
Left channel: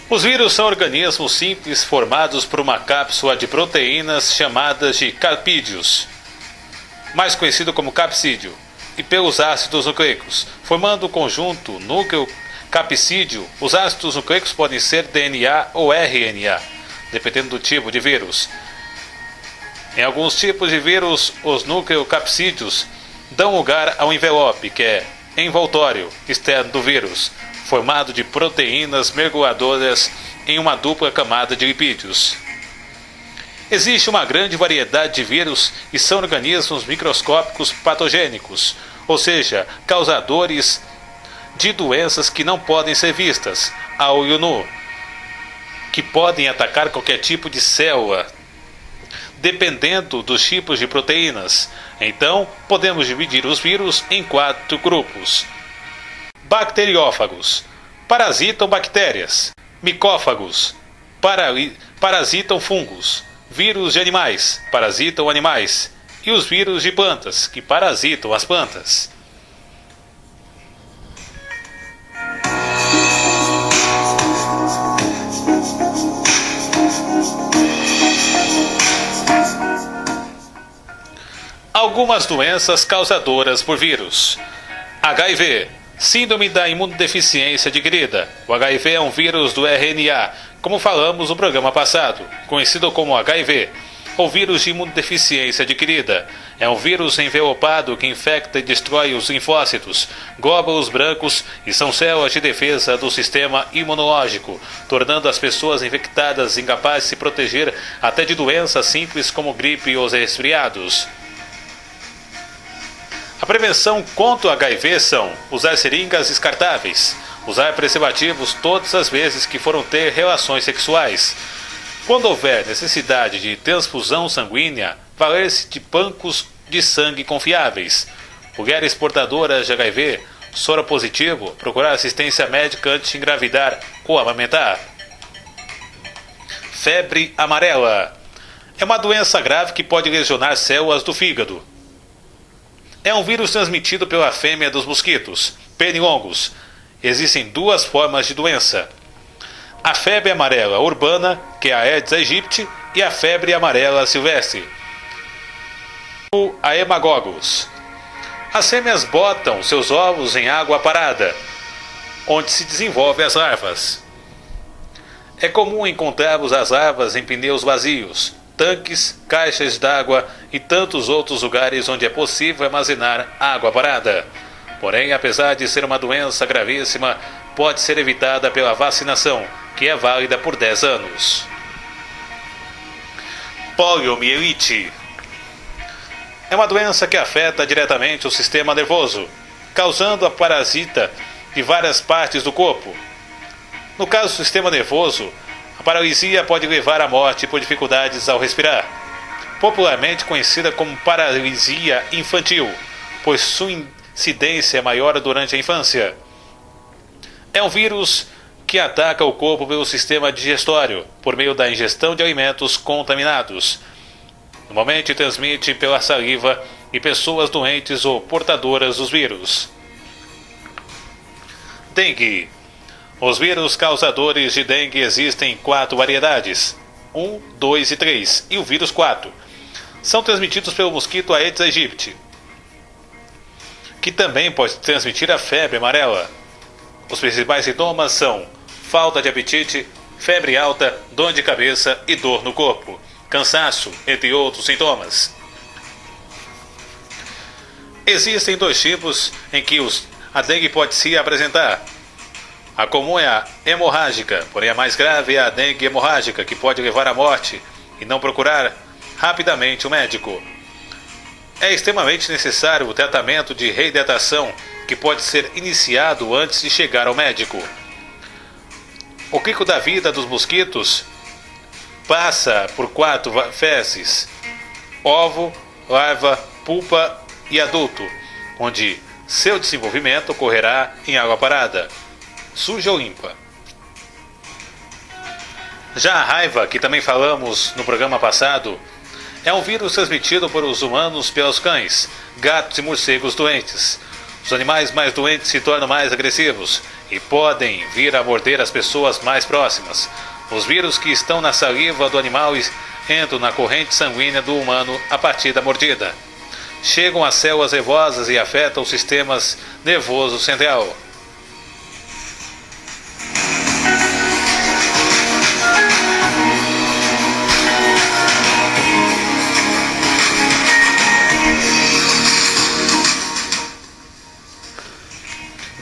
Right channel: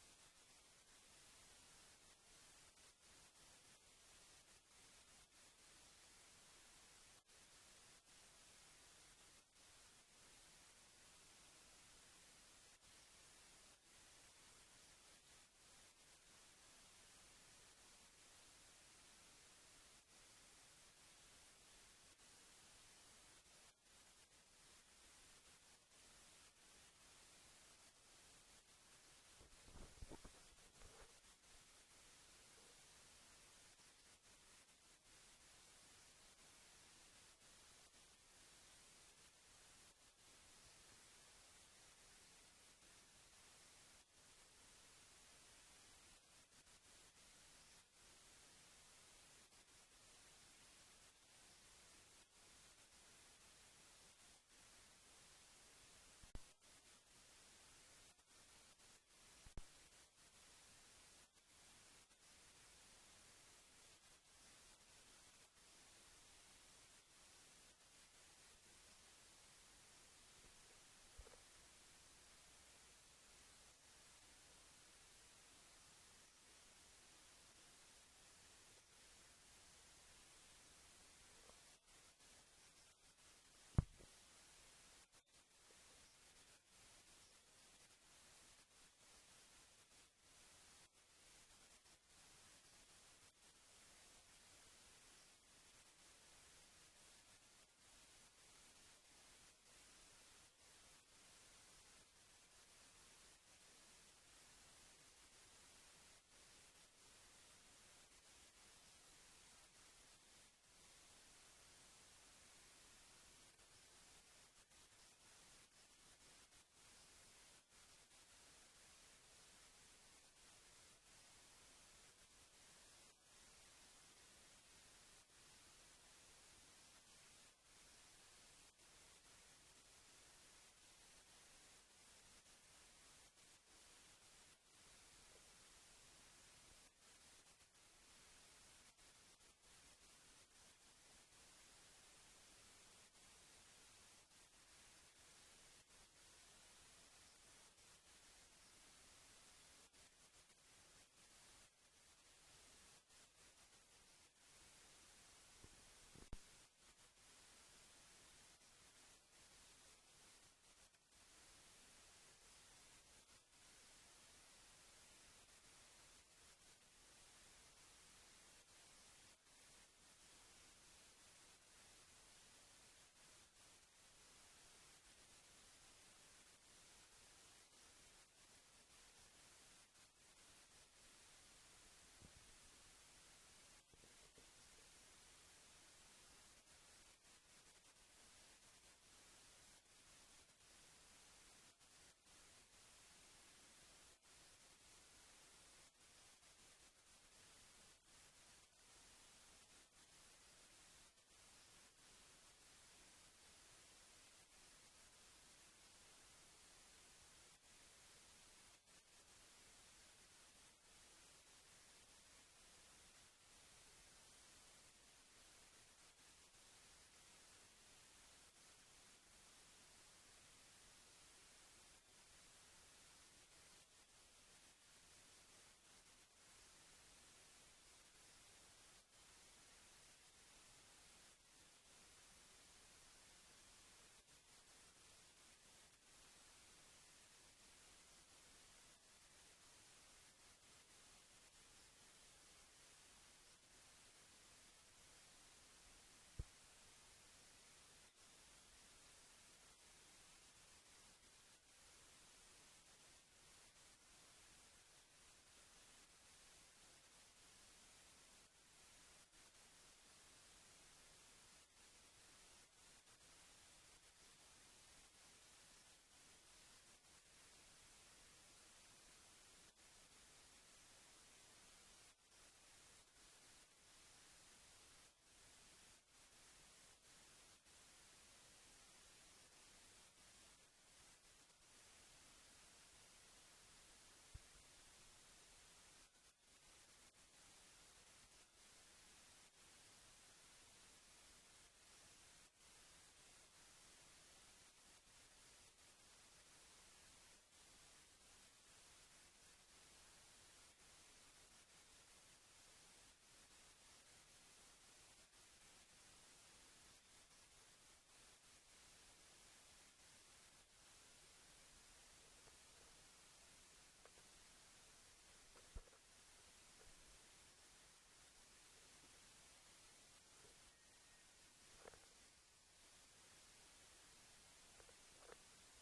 Os vírus são organismos simples formados por uma cápsula de proteínas chamadas de capídeos, mais conhecido como capsídeo, e pelos ácidos nucleicos, formando o conjunto núcleo capsídeo. Os ácidos nucleicos podem ser DNA ou RNA, dependendo do tipo de vírus. Em alguns tipos de vírus, os nucleocapsídeos dão lugar ao envelope, que é envoltório externo do vírus, formado de proteínas mergulhadoras em uma dupla camada de lipídios. Existe uma grande variedade de vírus e são organismos microscópicos patogênicos, ou seja, causadores de doenças que não podem ser vistas a olho nu, que podem atacar qualquer tipo de célula, dependendo dos tipos de proteínas. Então, podemos dividir os vírus em 4 grupos. Bacteriófagos, parasitam bactérias. Micófagos, parasitam fungos. Vírus de animais, parasitam animais. E os vírus de plantas, que parasitam as plantas. Algumas doenças causadoras por vírus. HIV, síndrome da imunodeficiência adquirida. O HIV é um vírus do RNA, como falamos no programa passado, conhecido como HIV. ou vírus de imunodeficiência adquirida. É um vírus envelopado que infecta e destrói os linfócitos, glóbulos brancos e são células de defesa do sistema imunológico, tornando as pessoas infectadas incapazes de se proteger até de doenças simples como gripe ou resfriados. A prevenção contra o HIV são usar seringas descartáveis, usar preservativos todas as vezes que foram ter relações sexuais. Quando houver necessidade de transfusão sanguínea, valer-se de bancos de sangue confiáveis. Mulheres portadoras de HIV, soro positivo, procurar assistência médica antes de engravidar ou amamentar. Febre amarela. É uma doença grave que pode lesionar células do fígado. É um vírus transmitido pela fêmea dos mosquitos, pernilongos. Existem duas formas de doença: a febre amarela urbana, que é a Aedes aegypti, e a febre amarela silvestre, o Haemococcus. As fêmeas botam seus ovos em água parada, onde se desenvolvem as larvas. É comum encontrarmos as larvas em pneus vazios, tanques, caixas d'água e tantos outros lugares onde é possível armazenar água parada. Porém, apesar de ser uma doença gravíssima, pode ser evitada pela vacinação, que é válida por 10 anos. Poliomielite. É uma doença que afeta diretamente o sistema nervoso, causando a parasita de várias partes do corpo. No caso do sistema nervoso, a paralisia pode levar à morte por dificuldades ao respirar, popularmente conhecida como paralisia infantil, pois sua incidência é maior durante a infância. É um vírus que ataca o corpo pelo sistema digestório, por meio da ingestão de alimentos contaminados. Normalmente transmite pela saliva e pessoas doentes ou portadoras dos vírus. Dengue. Os vírus causadores de dengue existem em 4 variedades, 1, 2 e 3, e o vírus 4. São transmitidos pelo mosquito Aedes aegypti, que também pode transmitir a febre amarela. Os principais sintomas são falta de apetite, febre alta, dor de cabeça e dor no corpo, cansaço, entre outros sintomas. Existem 2 tipos em que a dengue pode se apresentar. A comum é a hemorrágica, porém a mais grave é a dengue hemorrágica, que pode levar à morte e não procurar rapidamente o médico. É extremamente necessário o tratamento de reidratação, que pode ser iniciado antes de chegar ao médico. O ciclo da vida dos mosquitos passa por 4 fases: ovo, larva, pupa e adulto, onde seu desenvolvimento ocorrerá em água parada, suja ou limpa. Já a raiva, que também falamos no programa passado, é um vírus transmitido por os humanos pelos cães, gatos e morcegos doentes. Os animais mais doentes se tornam mais agressivos e podem vir a morder as pessoas mais próximas. Os vírus que estão na saliva do animal entram na corrente sanguínea do humano a partir da mordida. Chegam às células nervosas e afetam o sistema nervoso central.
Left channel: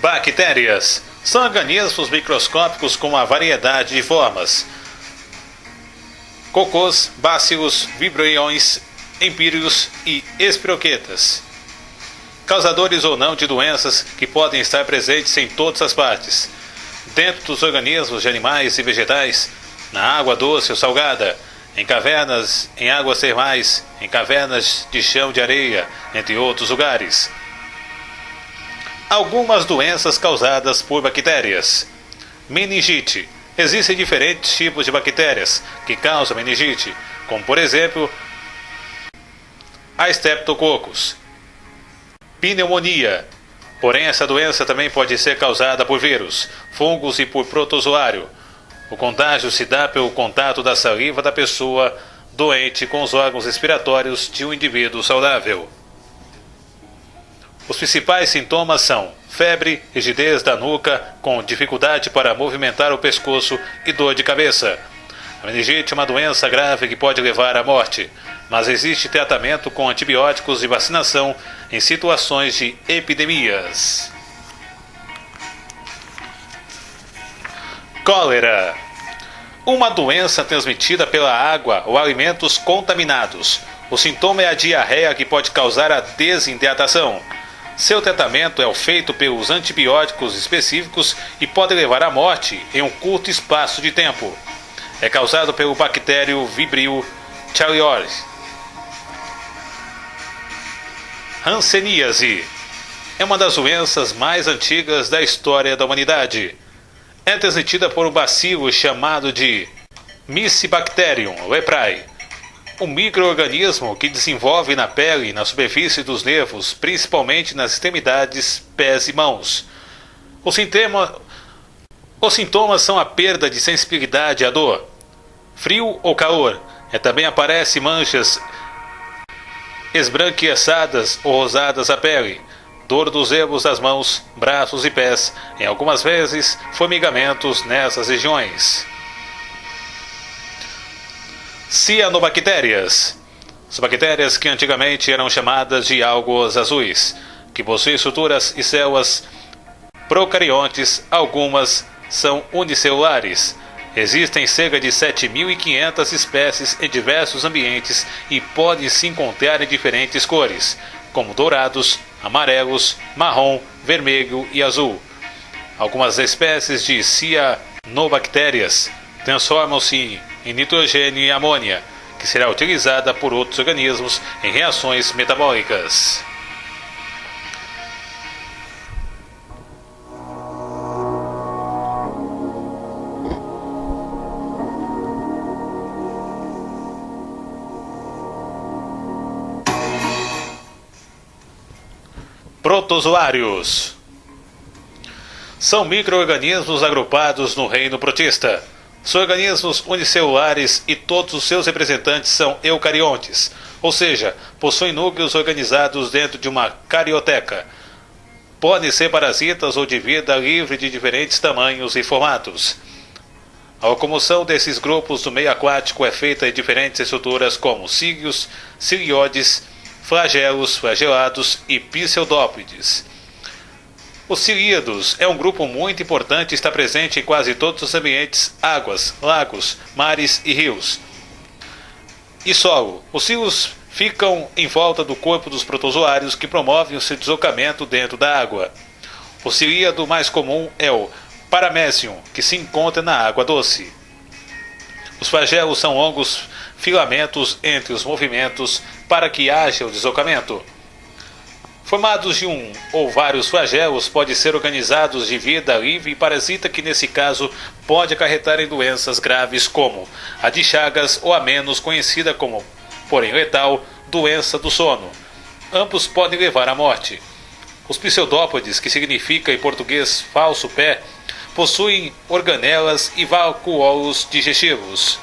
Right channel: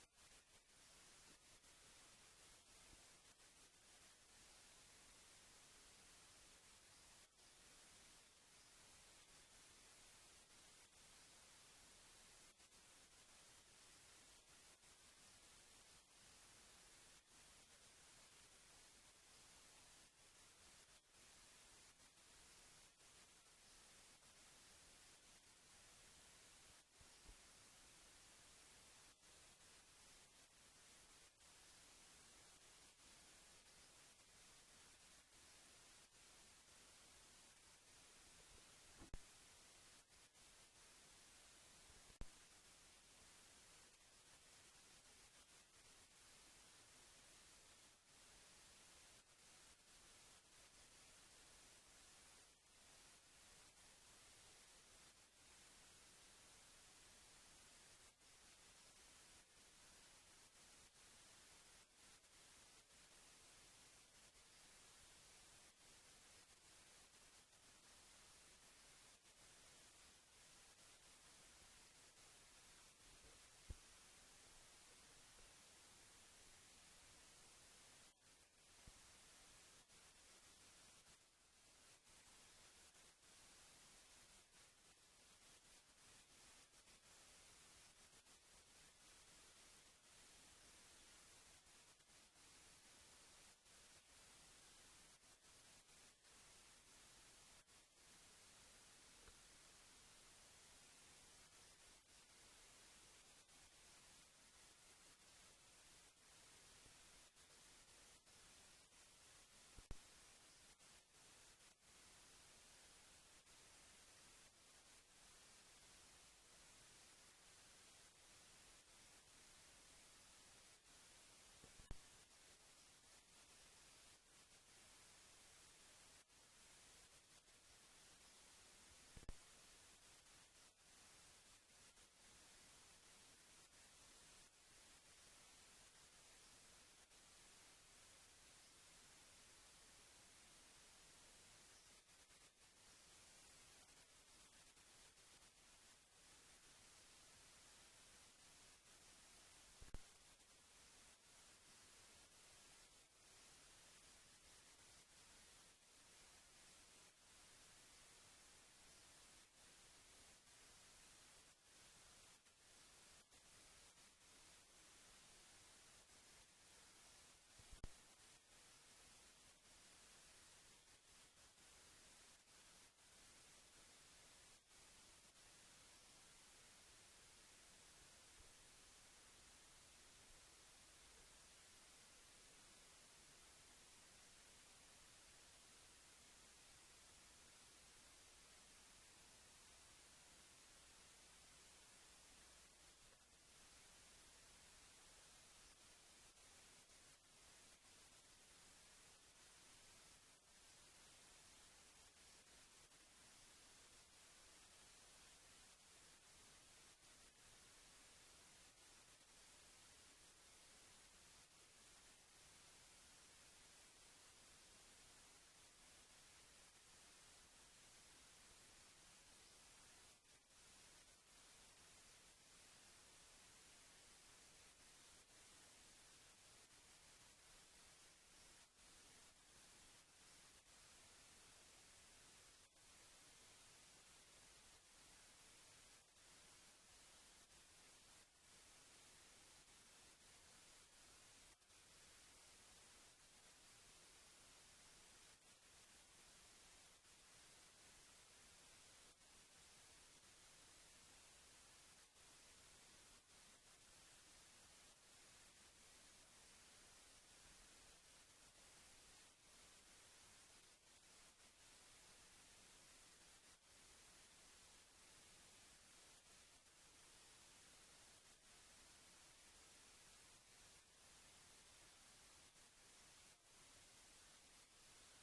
Bactérias são organismos microscópicos com uma variedade de formas: cocôs, bacilos, vibriões, empíreos e espiroquetas, causadores ou não de doenças que podem estar presentes em todas as partes, dentro dos organismos de animais e vegetais, na água doce ou salgada, em cavernas, em águas termais, em cavernas de chão de areia, entre outros lugares. Algumas doenças causadas por bactérias. Meningite. Existem diferentes tipos de bactérias que causam meningite, como por exemplo a Streptococcus. Pneumonia. Porém, essa doença também pode ser causada por vírus, fungos e por protozoário. O contágio se dá pelo contato da saliva da pessoa doente com os órgãos respiratórios de um indivíduo saudável. Os principais sintomas são febre, rigidez da nuca, com dificuldade para movimentar o pescoço e dor de cabeça. A meningite é uma doença grave que pode levar à morte, mas existe tratamento com antibióticos e vacinação em situações de epidemias. Cólera. Uma doença transmitida pela água ou alimentos contaminados. O sintoma é a diarreia que pode causar a desidratação. Seu tratamento é feito pelos antibióticos específicos e pode levar à morte em um curto espaço de tempo. É causado pelo bactério Vibrio chaereus. Hanseníase é uma das doenças mais antigas da história da humanidade. É transmitida por um bacilo chamado de Mycobacterium leprae, um micro-organismo que desenvolve na pele e na superfície dos nervos, principalmente nas extremidades, pés e mãos. Os sintomas são a perda de sensibilidade à dor, frio ou calor. Também aparecem manchas esbranquiçadas ou rosadas à pele, dor dos dedos das mãos, braços e pés, em algumas vezes formigamentos nessas regiões. Cianobactérias. As bactérias que antigamente eram chamadas de algas azuis, que possuem estruturas e células procariontes, algumas são unicelulares. Existem cerca de 7.500 espécies em diversos ambientes e podem se encontrar em diferentes cores, como dourados, amarelos, marrom, vermelho e azul. Algumas espécies de cianobactérias transformam-se em nitrogênio e amônia, que será utilizada por outros organismos em reações metabólicas. Protozoários são micro-organismos agrupados no reino protista. São organismos unicelulares e todos os seus representantes são eucariontes, ou seja, possuem núcleos organizados dentro de uma carioteca. Podem ser parasitas ou de vida livre de diferentes tamanhos e formatos. A locomoção desses grupos do meio aquático é feita em diferentes estruturas como cílios, cilioides, flagelos, flagelados e pseudópodes. Os cilíados é um grupo muito importante e está presente em quase todos os ambientes, águas, lagos, mares e rios. E solo. Os cílios ficam em volta do corpo dos protozoários que promovem o seu deslocamento dentro da água. O cilíado mais comum é o Paramecium, que se encontra na água doce. Os flagelos são longos filamentos entre os movimentos para que haja o deslocamento. Formados de um ou vários flagelos, podem ser organizados de vida livre e parasita que, nesse caso, pode acarretar em doenças graves como a de Chagas ou a menos conhecida como, porém letal, doença do sono. Ambos podem levar à morte. Os pseudópodes, que significa em português falso pé, possuem organelas e vacuolos digestivos.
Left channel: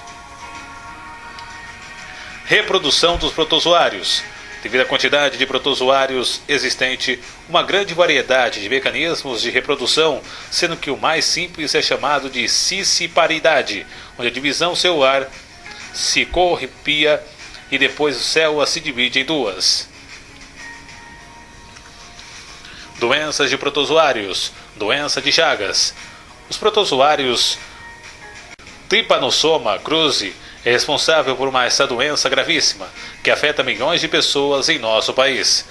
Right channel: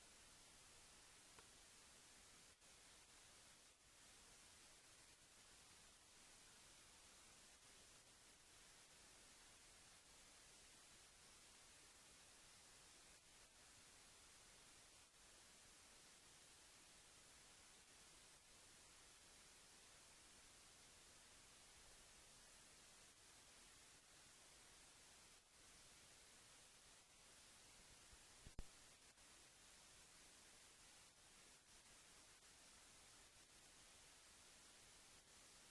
Reprodução dos protozoários. Devido à quantidade de protozoários existente, uma grande variedade de mecanismos de reprodução, sendo que o mais simples é chamado de cisciparidade, onde a divisão celular se corripia e depois a célula se divide em duas. Doenças de protozoários. Doença de Chagas. Os protozoários Trypanosoma cruzi é responsável por essa doença gravíssima, que afeta milhões de pessoas em nosso país.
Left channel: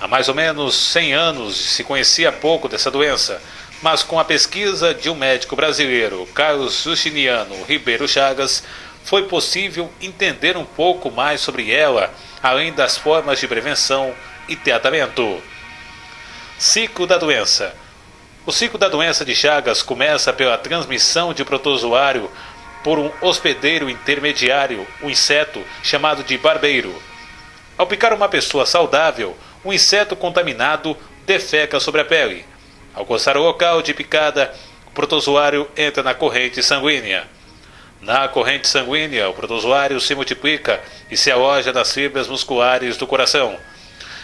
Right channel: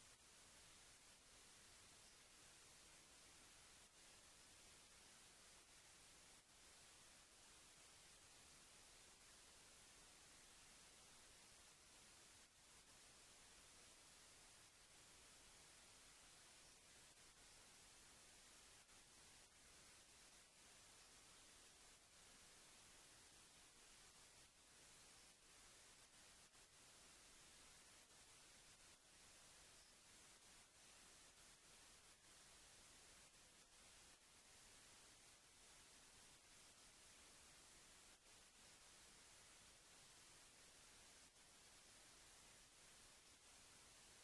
Há mais ou menos 100 anos se conhecia pouco dessa doença, mas com a pesquisa de um médico brasileiro, Carlos Justiniano Ribeiro Chagas, foi possível entender um pouco mais sobre ela, além das formas de prevenção e tratamento. Ciclo da doença. O ciclo da doença de Chagas começa pela transmissão de protozoário por um hospedeiro intermediário, um inseto chamado de barbeiro. Ao picar uma pessoa saudável, um inseto contaminado defeca sobre a pele. Ao coçar o local de picada, o protozoário entra na corrente sanguínea. Na corrente sanguínea, o protozoário se multiplica e se aloja nas fibras musculares do coração.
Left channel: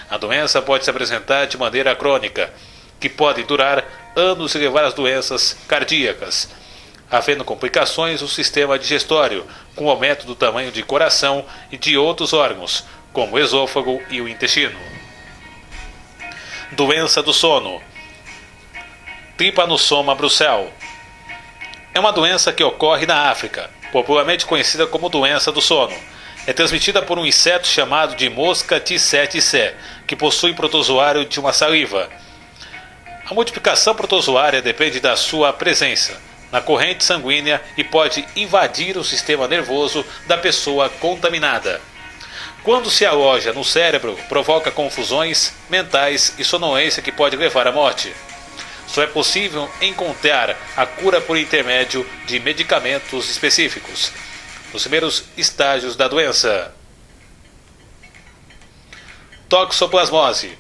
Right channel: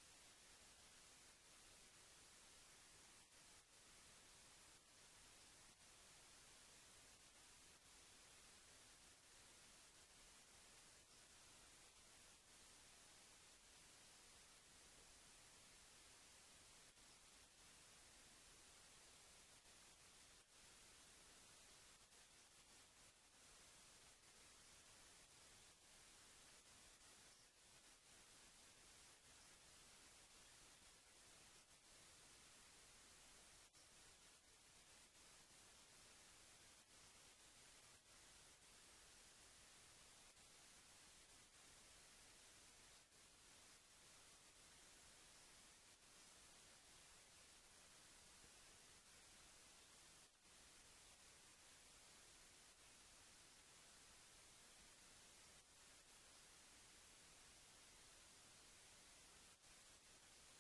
A doença pode se apresentar de maneira crônica, que pode durar anos e levar às doenças cardíacas. havendo complicações no sistema digestório, com aumento do tamanho de coração e de outros órgãos, como o esôfago e o intestino. Doença do sono. Trypanosoma brucell. É uma doença que ocorre na África, popularmente conhecida como doença do sono. É transmitida por um inseto chamado de mosca tsetse, que possui protozoário de uma saliva. A multiplicação protozoária depende da sua presença na corrente sanguínea e pode invadir o sistema nervoso da pessoa contaminada. Quando se aloja no cérebro, provoca confusões mentais e sonolência que pode levar à morte. Só é possível encontrar a cura por intermédio de medicamentos específicos, nos primeiros estágios da doença. Toxoplasmose.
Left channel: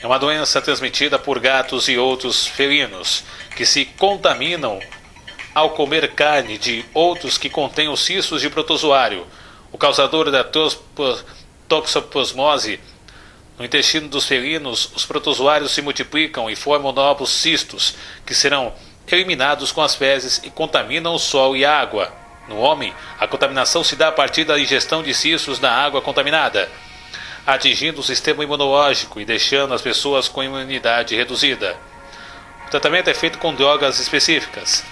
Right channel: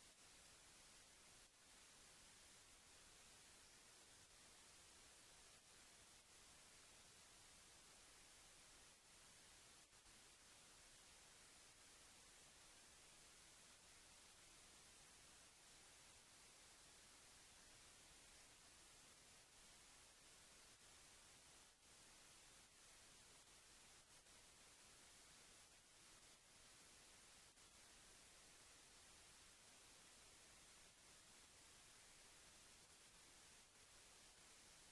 É uma doença transmitida por gatos e outros felinos, que se contaminam ao comer carne de outros que contêm os cistos de protozoário. O causador da toxoplasmose. No intestino dos felinos, os protozoários se multiplicam e formam novos cistos, que serão eliminados com as fezes e contaminam o solo e a água. No homem, a contaminação se dá a partir da ingestão de cistos na água contaminada, atingindo o sistema imunológico e deixando as pessoas com imunidade reduzida. O tratamento é feito com drogas específicas,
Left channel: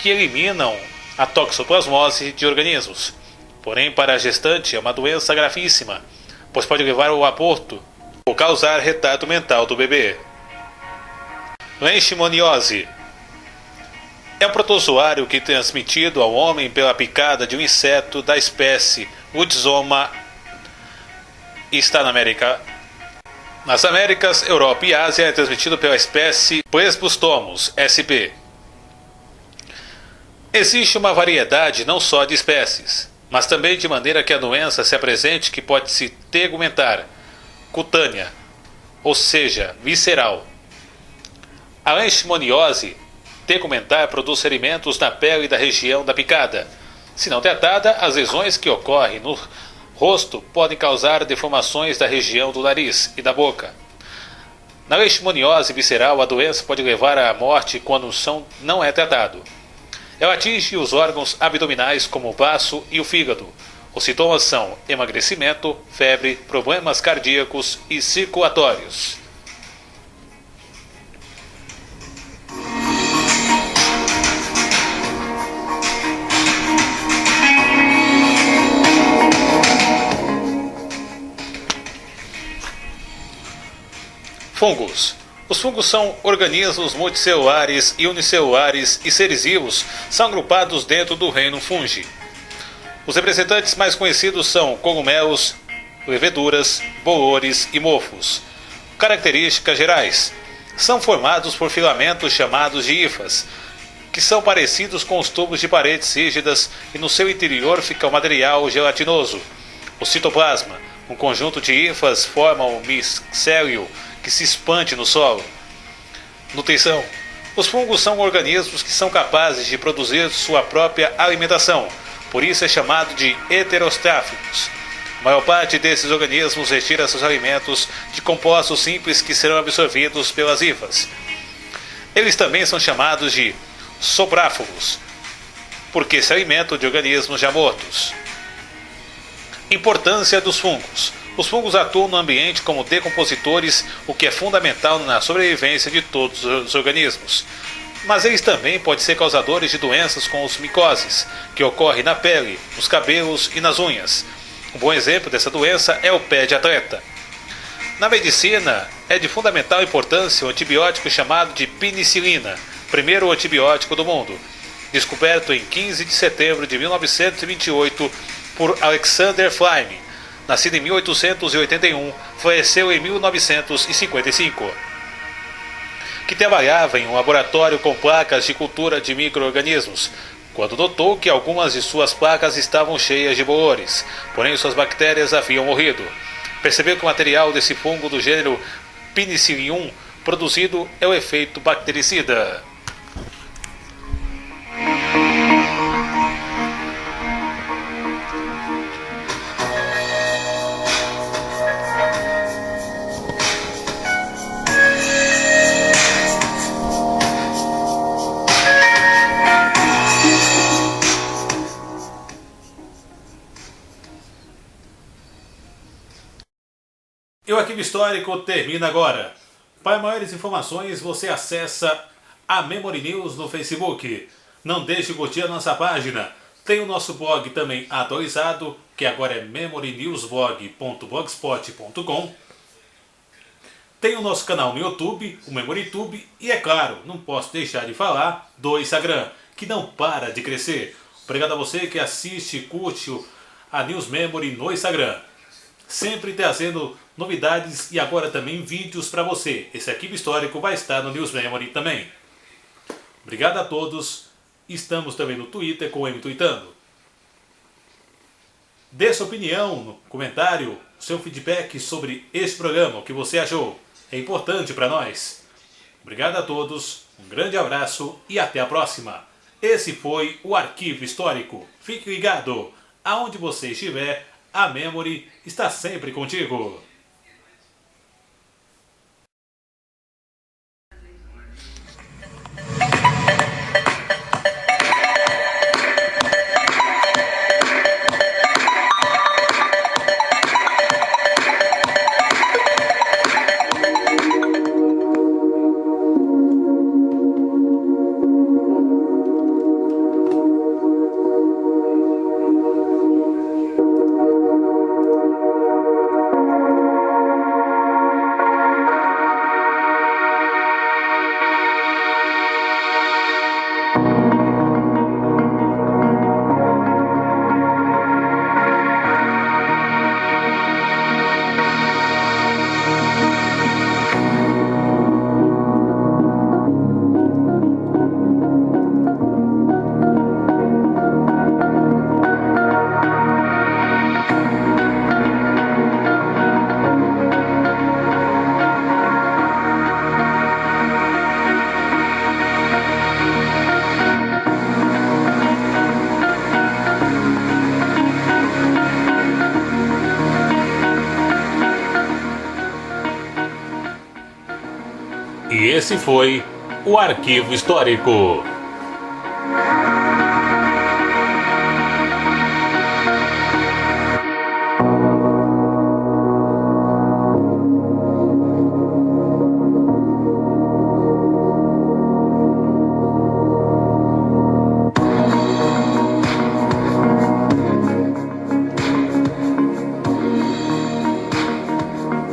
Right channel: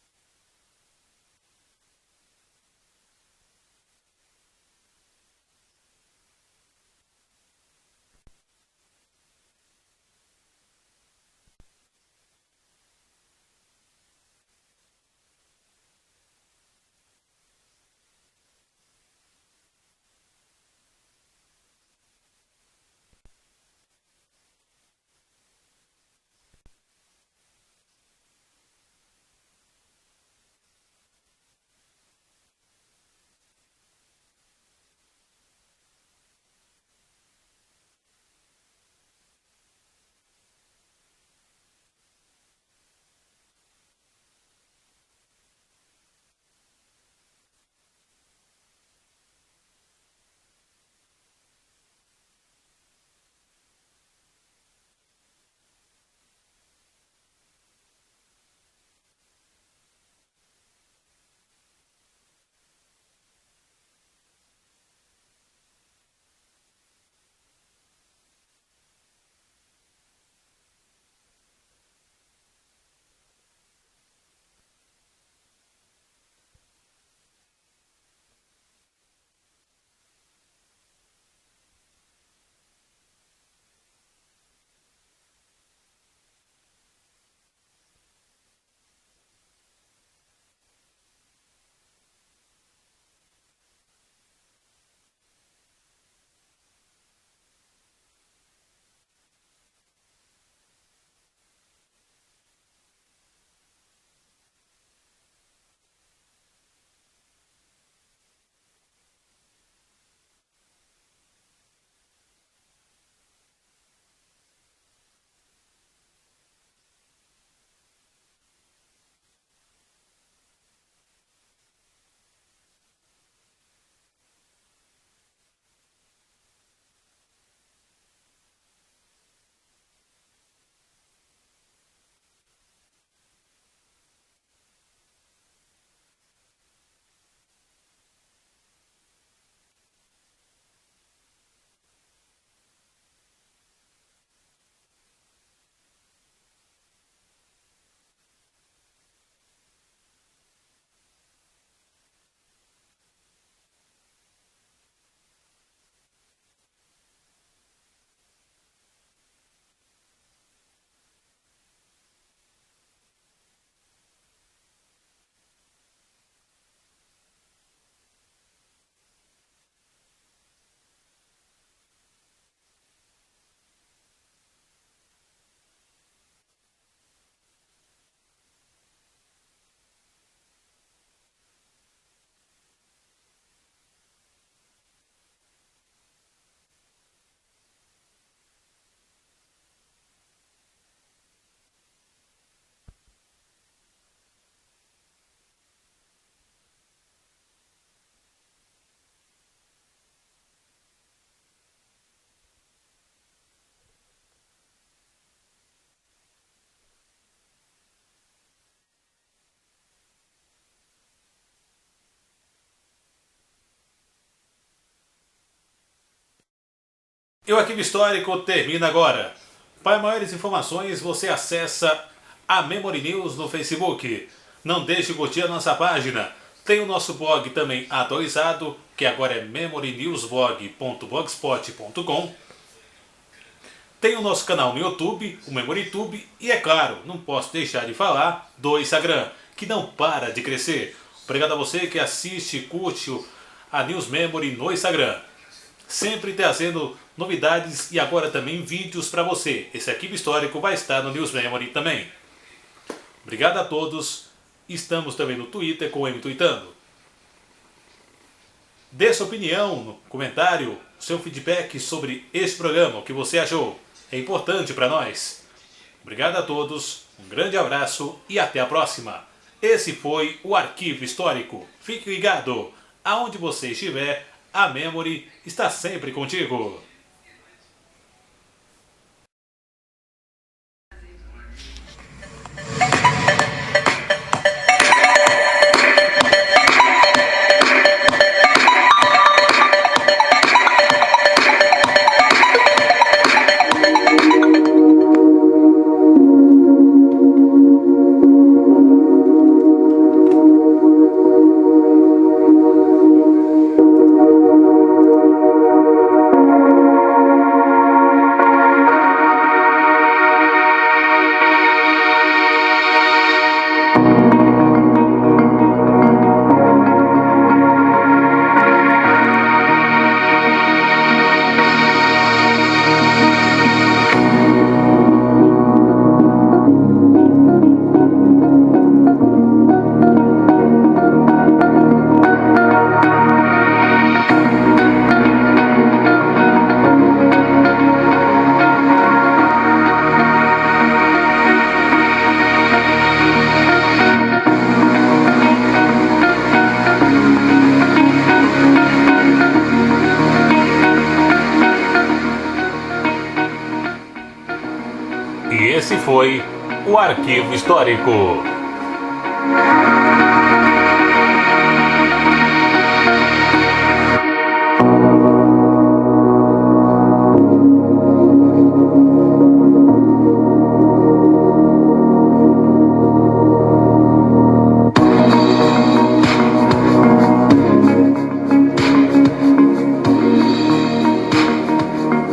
que eliminam a toxoplasmose de organismos. Porém, para a gestante é uma doença gravíssima, pois pode levar ao aborto ou causar retardo mental do bebê. Leishmaniose. É um protozoário que é transmitido ao homem pela picada de um inseto da espécie Woodzoma e está nas Américas, Europa e Ásia. É transmitido pela espécie Presbustomos sp. Existe uma variedade não só de espécies, mas também de maneira que a doença se apresente, que pode se tegumentar, cutânea, ou seja, visceral. A leishmaniose tegumentar produz ferimentos na pele da região da picada. Se não tratada, as lesões que ocorrem no rosto podem causar deformações da região do nariz e da boca. Na leishmaniose visceral, a doença pode levar à morte quando não é tratado. Ela atinge os órgãos abdominais como o baço e o fígado. Os sintomas são emagrecimento, febre, problemas cardíacos e circulatórios. Fungos. Os fungos são organismos multicelulares e unicelulares e seres vivos são agrupados dentro do reino fungi. Os representantes mais conhecidos são cogumelos, leveduras, bolores e mofos. Características gerais. São formados por filamentos chamados de hifas, que são parecidos com os tubos de paredes rígidas e no seu interior fica o material gelatinoso. O citoplasma, um conjunto de hifas, forma o micélio, que se expande no solo. Nutrição. Os fungos são organismos que são capazes de produzir sua própria alimentação, por isso é chamado de heterostráficos. A maior parte desses organismos retira seus alimentos de compostos simples que serão absorvidos pelas hifas. Eles também são chamados de sobráfugos, porque se alimentam de organismos já mortos. Importância dos fungos. Os fungos atuam no ambiente como decompositores, o que é fundamental na sobrevivência de todos os organismos. Mas eles também podem ser causadores de doenças como as micoses, que ocorrem na pele, nos cabelos e nas unhas. Um bom exemplo dessa doença é o pé de atleta. Na medicina, é de fundamental importância o antibiótico chamado de penicilina, primeiro antibiótico do mundo, descoberto em 15 de setembro de 1928 por Alexander Fleming. Nascido em 1881, faleceu em 1955. Que trabalhava em um laboratório com placas de cultura de micro-organismos, quando notou que algumas de suas placas estavam cheias de bolores, porém suas bactérias haviam morrido. Percebeu que o material desse fungo do gênero Penicillium produzido é o efeito bactericida. E o Arquivo Histórico termina agora. Para maiores informações, você acessa a Memory News no Facebook. Não deixe de curtir a nossa página. Tem o nosso blog também atualizado, que agora é memorynewsblog.blogspot.com. Tem o nosso canal no YouTube, o MemoryTube, e é claro, não posso deixar de falar do Instagram, que não para de crescer. Obrigado a você que assiste e curte a News Memory no Instagram. Sempre trazendo novidades e agora também vídeos para você. Esse arquivo histórico vai estar no News Memory também. Obrigado a todos. Estamos também no Twitter com o MTweetando. Dê sua opinião no comentário, seu feedback sobre este programa, o que você achou. É importante para nós. Obrigado a todos, um grande abraço e até a próxima. Esse foi o Arquivo Histórico. Fique ligado, aonde você estiver, a Memory está sempre contigo. E esse foi o Arquivo Histórico.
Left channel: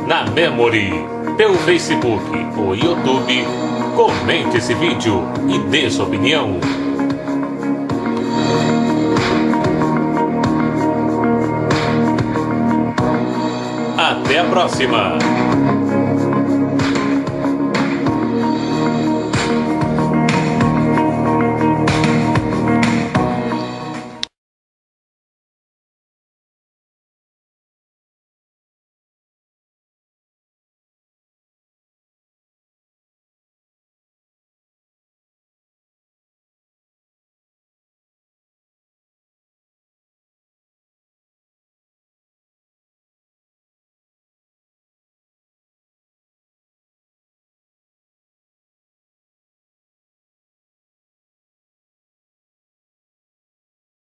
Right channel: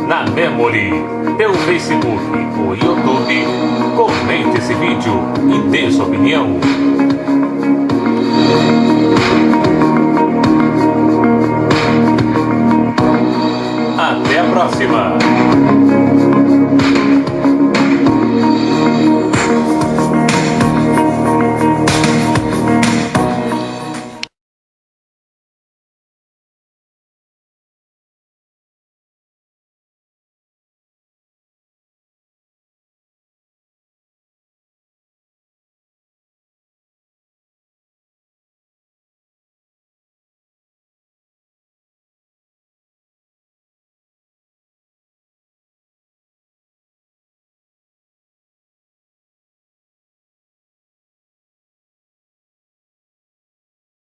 Na Memory, pelo Facebook ou YouTube, comente esse vídeo e dê sua opinião. Até a próxima!